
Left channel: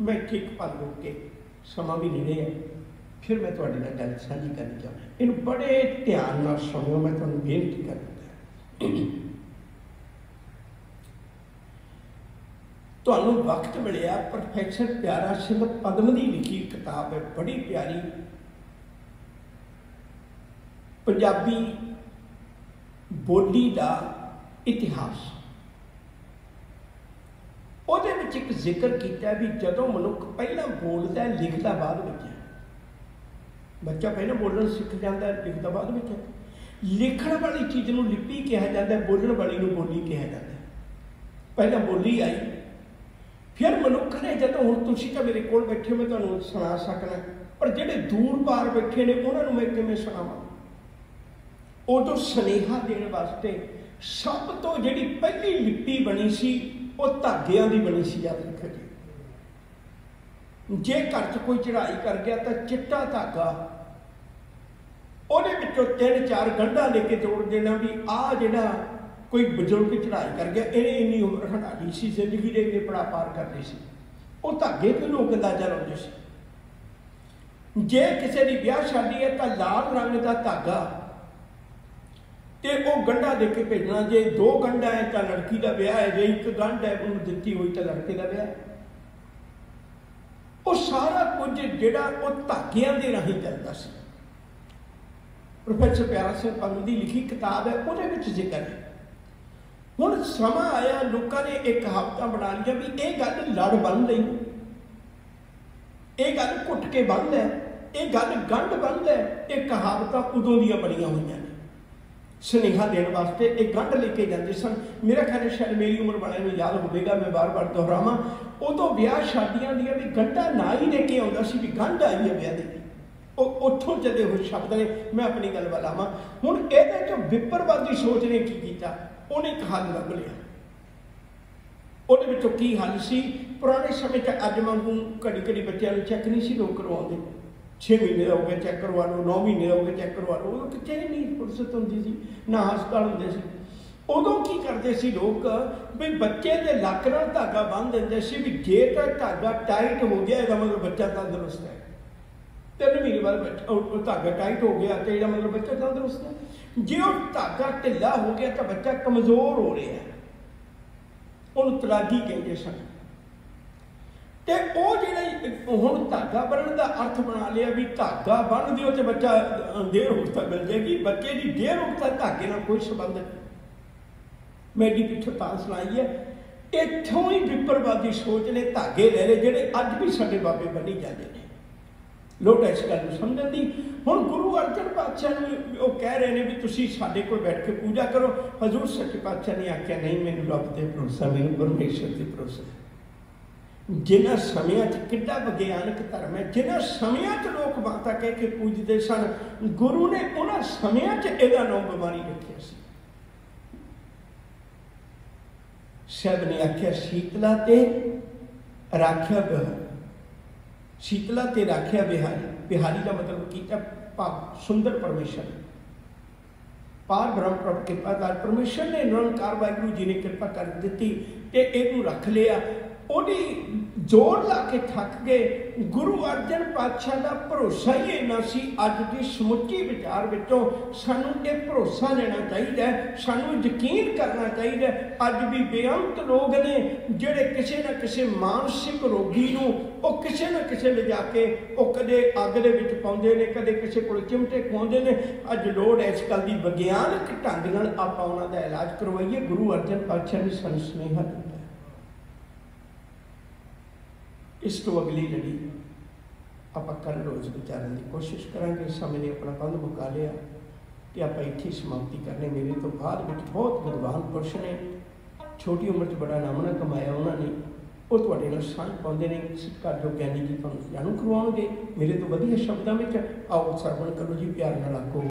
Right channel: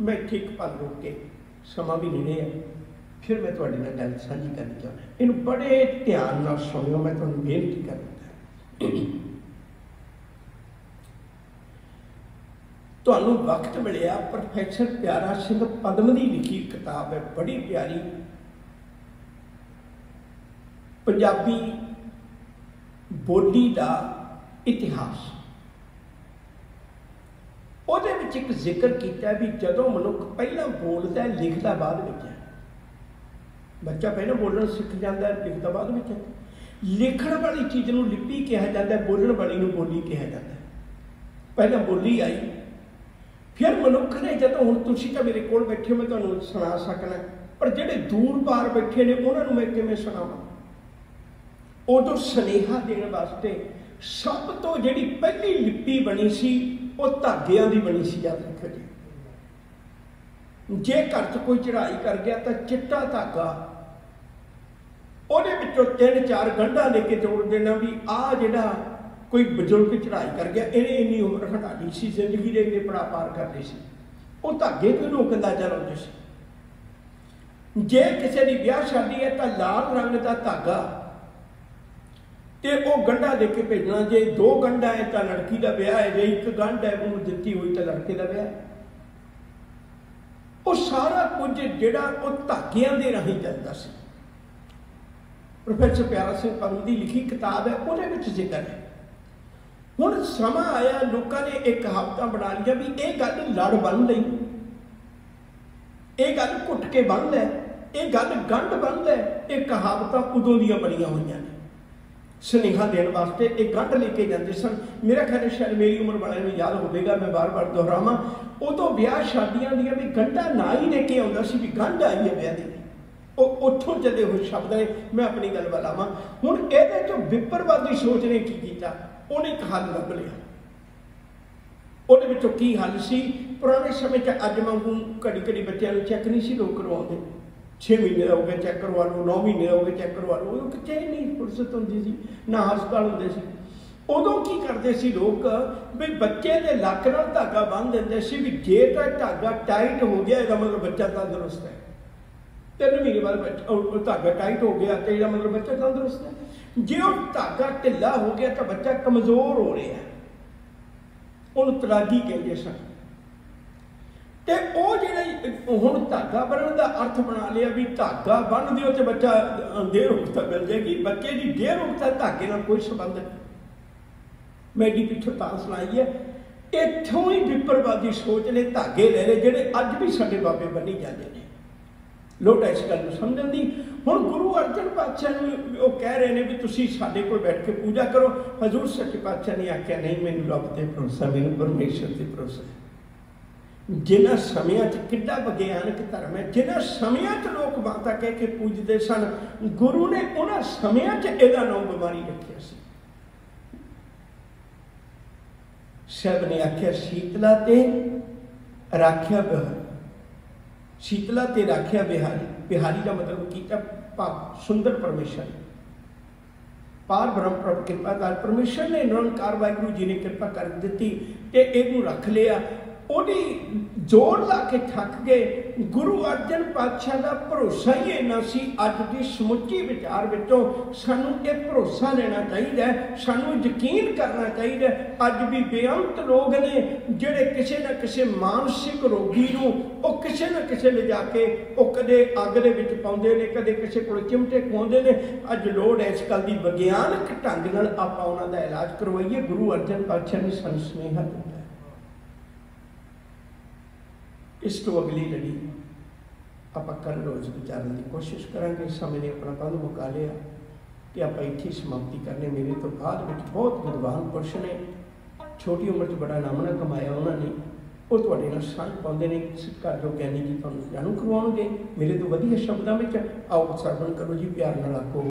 ਮੈਂ ਠੀਕ ਪਲ ਹੋ ਕੇ ਸਮਾਂ ਵੀ ਨੇੜੇ ਹੈ, ਫਿਰ ਮੈਂ ਤੁਹਾਡੇ ਨਾਲ ਗੱਲ ਸਾਂਝੀ ਕਰਨੀ ਚਾਹੁੰਦਾ। ਇਹਨੂੰ ਬੜੇ ਧਿਆਨ ਨਾਲ ਸੁਣਿਓ, ਮੈਂ ਤੁਹਾਨੂੰ ਬੇਨਤੀ ਕਰਦਾ। ਤੁਹਾਨੂੰ ਵਕਤ ਮਿਲਿਆ, ਪ੍ਰੋਫੈਸਰ ਪਿਆਰਾ ਸਿੰਘ ਪਦਮ ਦੀ ਲਿਖੀ ਕਿਤਾਬ ਹੈ, ਬੜੀ ਪਿਆਰੀ, ਪੰਜਾਬੀ ਬੋਲੀ ਦਾ ਇਤਿਹਾਸ। ਉਹਦੇ ਵਿੱਚ ਇੱਕ ਜ਼ਿਕਰ ਕੀਤਾ ਵੀ ਜਦੋਂ ਮਨੁੱਖ ਪਹਿਲਾਂ ਬੋਲਦਾ ਲਿਖਦਾ ਬਾਅਦ ਵਿੱਚ ਹੈ। ਬੱਚਾ ਪਹਿਲਾਂ ਬੋਲਣਾ ਸਿੱਖ ਜਾਂਦਾ, ਲਿਖਦਾ ਬਾਅਦ ਵਿੱਚ ਹੈ। ਲਿਖਣ ਵਾਲੀ ਚੀਜ਼ ਨੂੰ ਲਿਪੀ ਕਿਹਾ ਜਾਂਦਾ, ਬੋਲਣ ਵਾਲੀ ਨੂੰ ਬੋਲੀ ਕਿਹਾ ਜਾਂਦਾ। ਪਹਿਲਾਂ ਬੋਲੀ ਆਈ, ਫਿਰ ਮਨੁੱਖ ਨੇ ਜਦੋਂ, ਹੁਣ ਤੁਸੀਂ ਤਾਂ ਮੇਰੇ ਕੋਲ ਬੈਠੇ ਹੋ, ਮੈਂ ਤੁਹਾਨੂੰ ਸੁਣਾ ਸਕਣਾ, ਪਰ ਜਿਹੜੇ ਦੂਰ ਪਾਰ ਬੈਠੇ ਨੇ ਉਹਨਾਂ ਨੂੰ ਮੈਂ ਕਿਵੇਂ ਸੁਣਾਵਾਂ। ਉਦੋਂ ਸੁਨੇਹਾ ਦੇਣ ਵਾਸਤੇ ਸਭ ਤੋਂ ਜਿਹੜੀ ਪਹਿਲੀ ਲਿਪੀ ਬਣੀ ਸੀ ਉਹ ਧਾਗਿਆਂ ਦੀ ਬਣੀ ਸੀ। ਯਾਦ ਰੱਖੋ ਜੀ, ਜੇ ਘਰ 'ਚ ਕੋਈ ਚੜ੍ਹਾਈ ਕਰ ਗਿਆ ਤਾਂ ਚਿੱਟਾ ਧਾਗਾ, ਉਹਦੇ ਵਿੱਚੋਂ 3-4 ਗੰਢਾਂ ਲੈ ਕੇ ਜੋੜ ਦੇਣਾ ਵੀ ਆਹ ਜਿਹੜਾ कोई बजुर्ग चढ़ाई कर गया, इन्हें इन्नी उम्र हटा ली सी, जिंदगी के इन्ने पड़ा पार करते सी, वो धागे तो लोग अंदाजा लाते सी। जे किसी की ब्याह शादी है तो लाल रंग का धागा ते वो गंढा दे के भेजना, जे 2 गंढा है तो लड़की का ब्याह है, जे 1 गंढ है उन्होंने दिती हुई तो लड़के का ब्याह है। वो सारा कुछ जिहड़ा वो धागियां दे राही चलता सी। प्रोफैसर प्यारा सिंह पंत की लिखी किताब है, वो जिक्र है। हुण समा आया, लोगों ने एक कहावत बना लिया भी ये गल लड़ बन लई, ये गल घुट के बंद है, ये गल गंढ बंद है। ये कहावत उदों दियां बनियां होईयां ने, सुनेहा देने वास्ते एक गंढ लेके जाते सन। मेरा ख्याल शायद मेरी उम्र वाले में याद होगा, मैं बार बार दोहरावां, उदों ब्याह शादियां दियां भी गंढा ना ही लेके आउंदा सी भी गंढ आई है ब्याह दी, उत्थों चले हुए शब्द ने। मैं अपनी गल वाल आवां, हुण इहदे चों विपरवादी सोच ने की कीता, उन्हें एक हल लभ लिया। उहदे विचों की हल सी, पुराने समय च अज वांगू घड़ी घड़ी बच्चों चैक नहीं सी लोग करवाते, 6 महीने हो गए चैक करवा लो, 9 महीने हो गए चैक करवा लो, उदों कित्थे नहीं फुरसत हुंदी सी, ना हस्पताल हुंदे सी। उदों की करते सी लोग भी बच्चे के लक नाल धागा बन देंदे सी भी जे तां धागा टाइट हो गया इसदा मतलब बच्चा तंदुरुस्त है, 3 महीने बाद धागा टाइट हो गया तो इसदा मतलब बच्चा तंदुरुस्त है। जे वो धागा ढिला हो गया तो बच्चा कमजोर हो रहा है, उन्होंने तलागी कहते सन। ते वो जिहड़ा हुण धागा बनने का अर्थ बना लिया भी धागा बन दिओ तो बच्चा देर उठता मिल जाएगी, बच्चे की देर उठता धागे नाल कोई संबंध नहीं। मैं एडी पिछों तां सुनाई है, इत्थों ही विपरवादी सोच ने धागे ले ले जिहड़े अज भी साडे बाबे बनी जाते हैं। लोग इस गल समझण दी, हुण गुरु अर्जन पातशाह वो कह रहे हैं भी तुसीं साडे कोल बैठ के पूजा करो। हजूर सच्चे पातशाह ने आख्या नहीं, मैनूं रब ते भरोसा, मैनूं परमेश्वर ते भरोसा। जिन्हां समयां च किड्डा विग्यानक धर्म है, जिन्हां समयां च लोग माता कह के पूजते सन, गुरु ने उन्हां समयां च इहदा नाम बीमारी रखिया सी। साहब ने आख्या शीतला ते राख्या बिहारी, शीतला ते राख्या बिहारी, बिहारी का मतलब किया भाव सुंदर परमेश्वर, पार ब्रह्म प्रभ कृपादार परमेश्वर ने निरंकार वाहिगुरू जी ने कृपा कर दी ते इहनूं रख लिया। ओदी जोर ला के थक गए। गुरु अर्जन पातशाह का भरोसा ही इन्ना सी, अज की समुची विचार विचों सानूं ये भरोसा लेना चाहिए, सानूं यकीन करना चाहिए। अज भी बेअंत लोग ने जिहड़े किसी न किसी मानसिक रोगी नूं वो किसी न किसी ले जाके वो कदे अग दे विच पाउंदे ने, कदे किसी कोल चिमटे खुआउंदे ने। अज लोड़ इस गल दी विग्यानक ढंग नाल आपां उहनां दा इलाज करवाइए। गुरु अर्जन पातशाह ने सानूं सुनेहा दित्ता। इस तो अगली लड़ी आप कल रोज़ विचारने की कोशिश करेंगे। समय ने अपना बंद मुका लिया कि आप इत्थे समाप्ति करने। मेरे तो बाद में बहुत विद्वान पुरुष ने, छोटी उम्र च बड़ा नाम ना कमाया उन्होंने, वो तुहाडे नाल साझ पाउंदे ने। घर जो ज्ञानी जी तुहानूं जाणू करवाउणगे मेरे तो वधिया शब्दां विच। आओ सरवण करो जी, प्यार नाल आखो।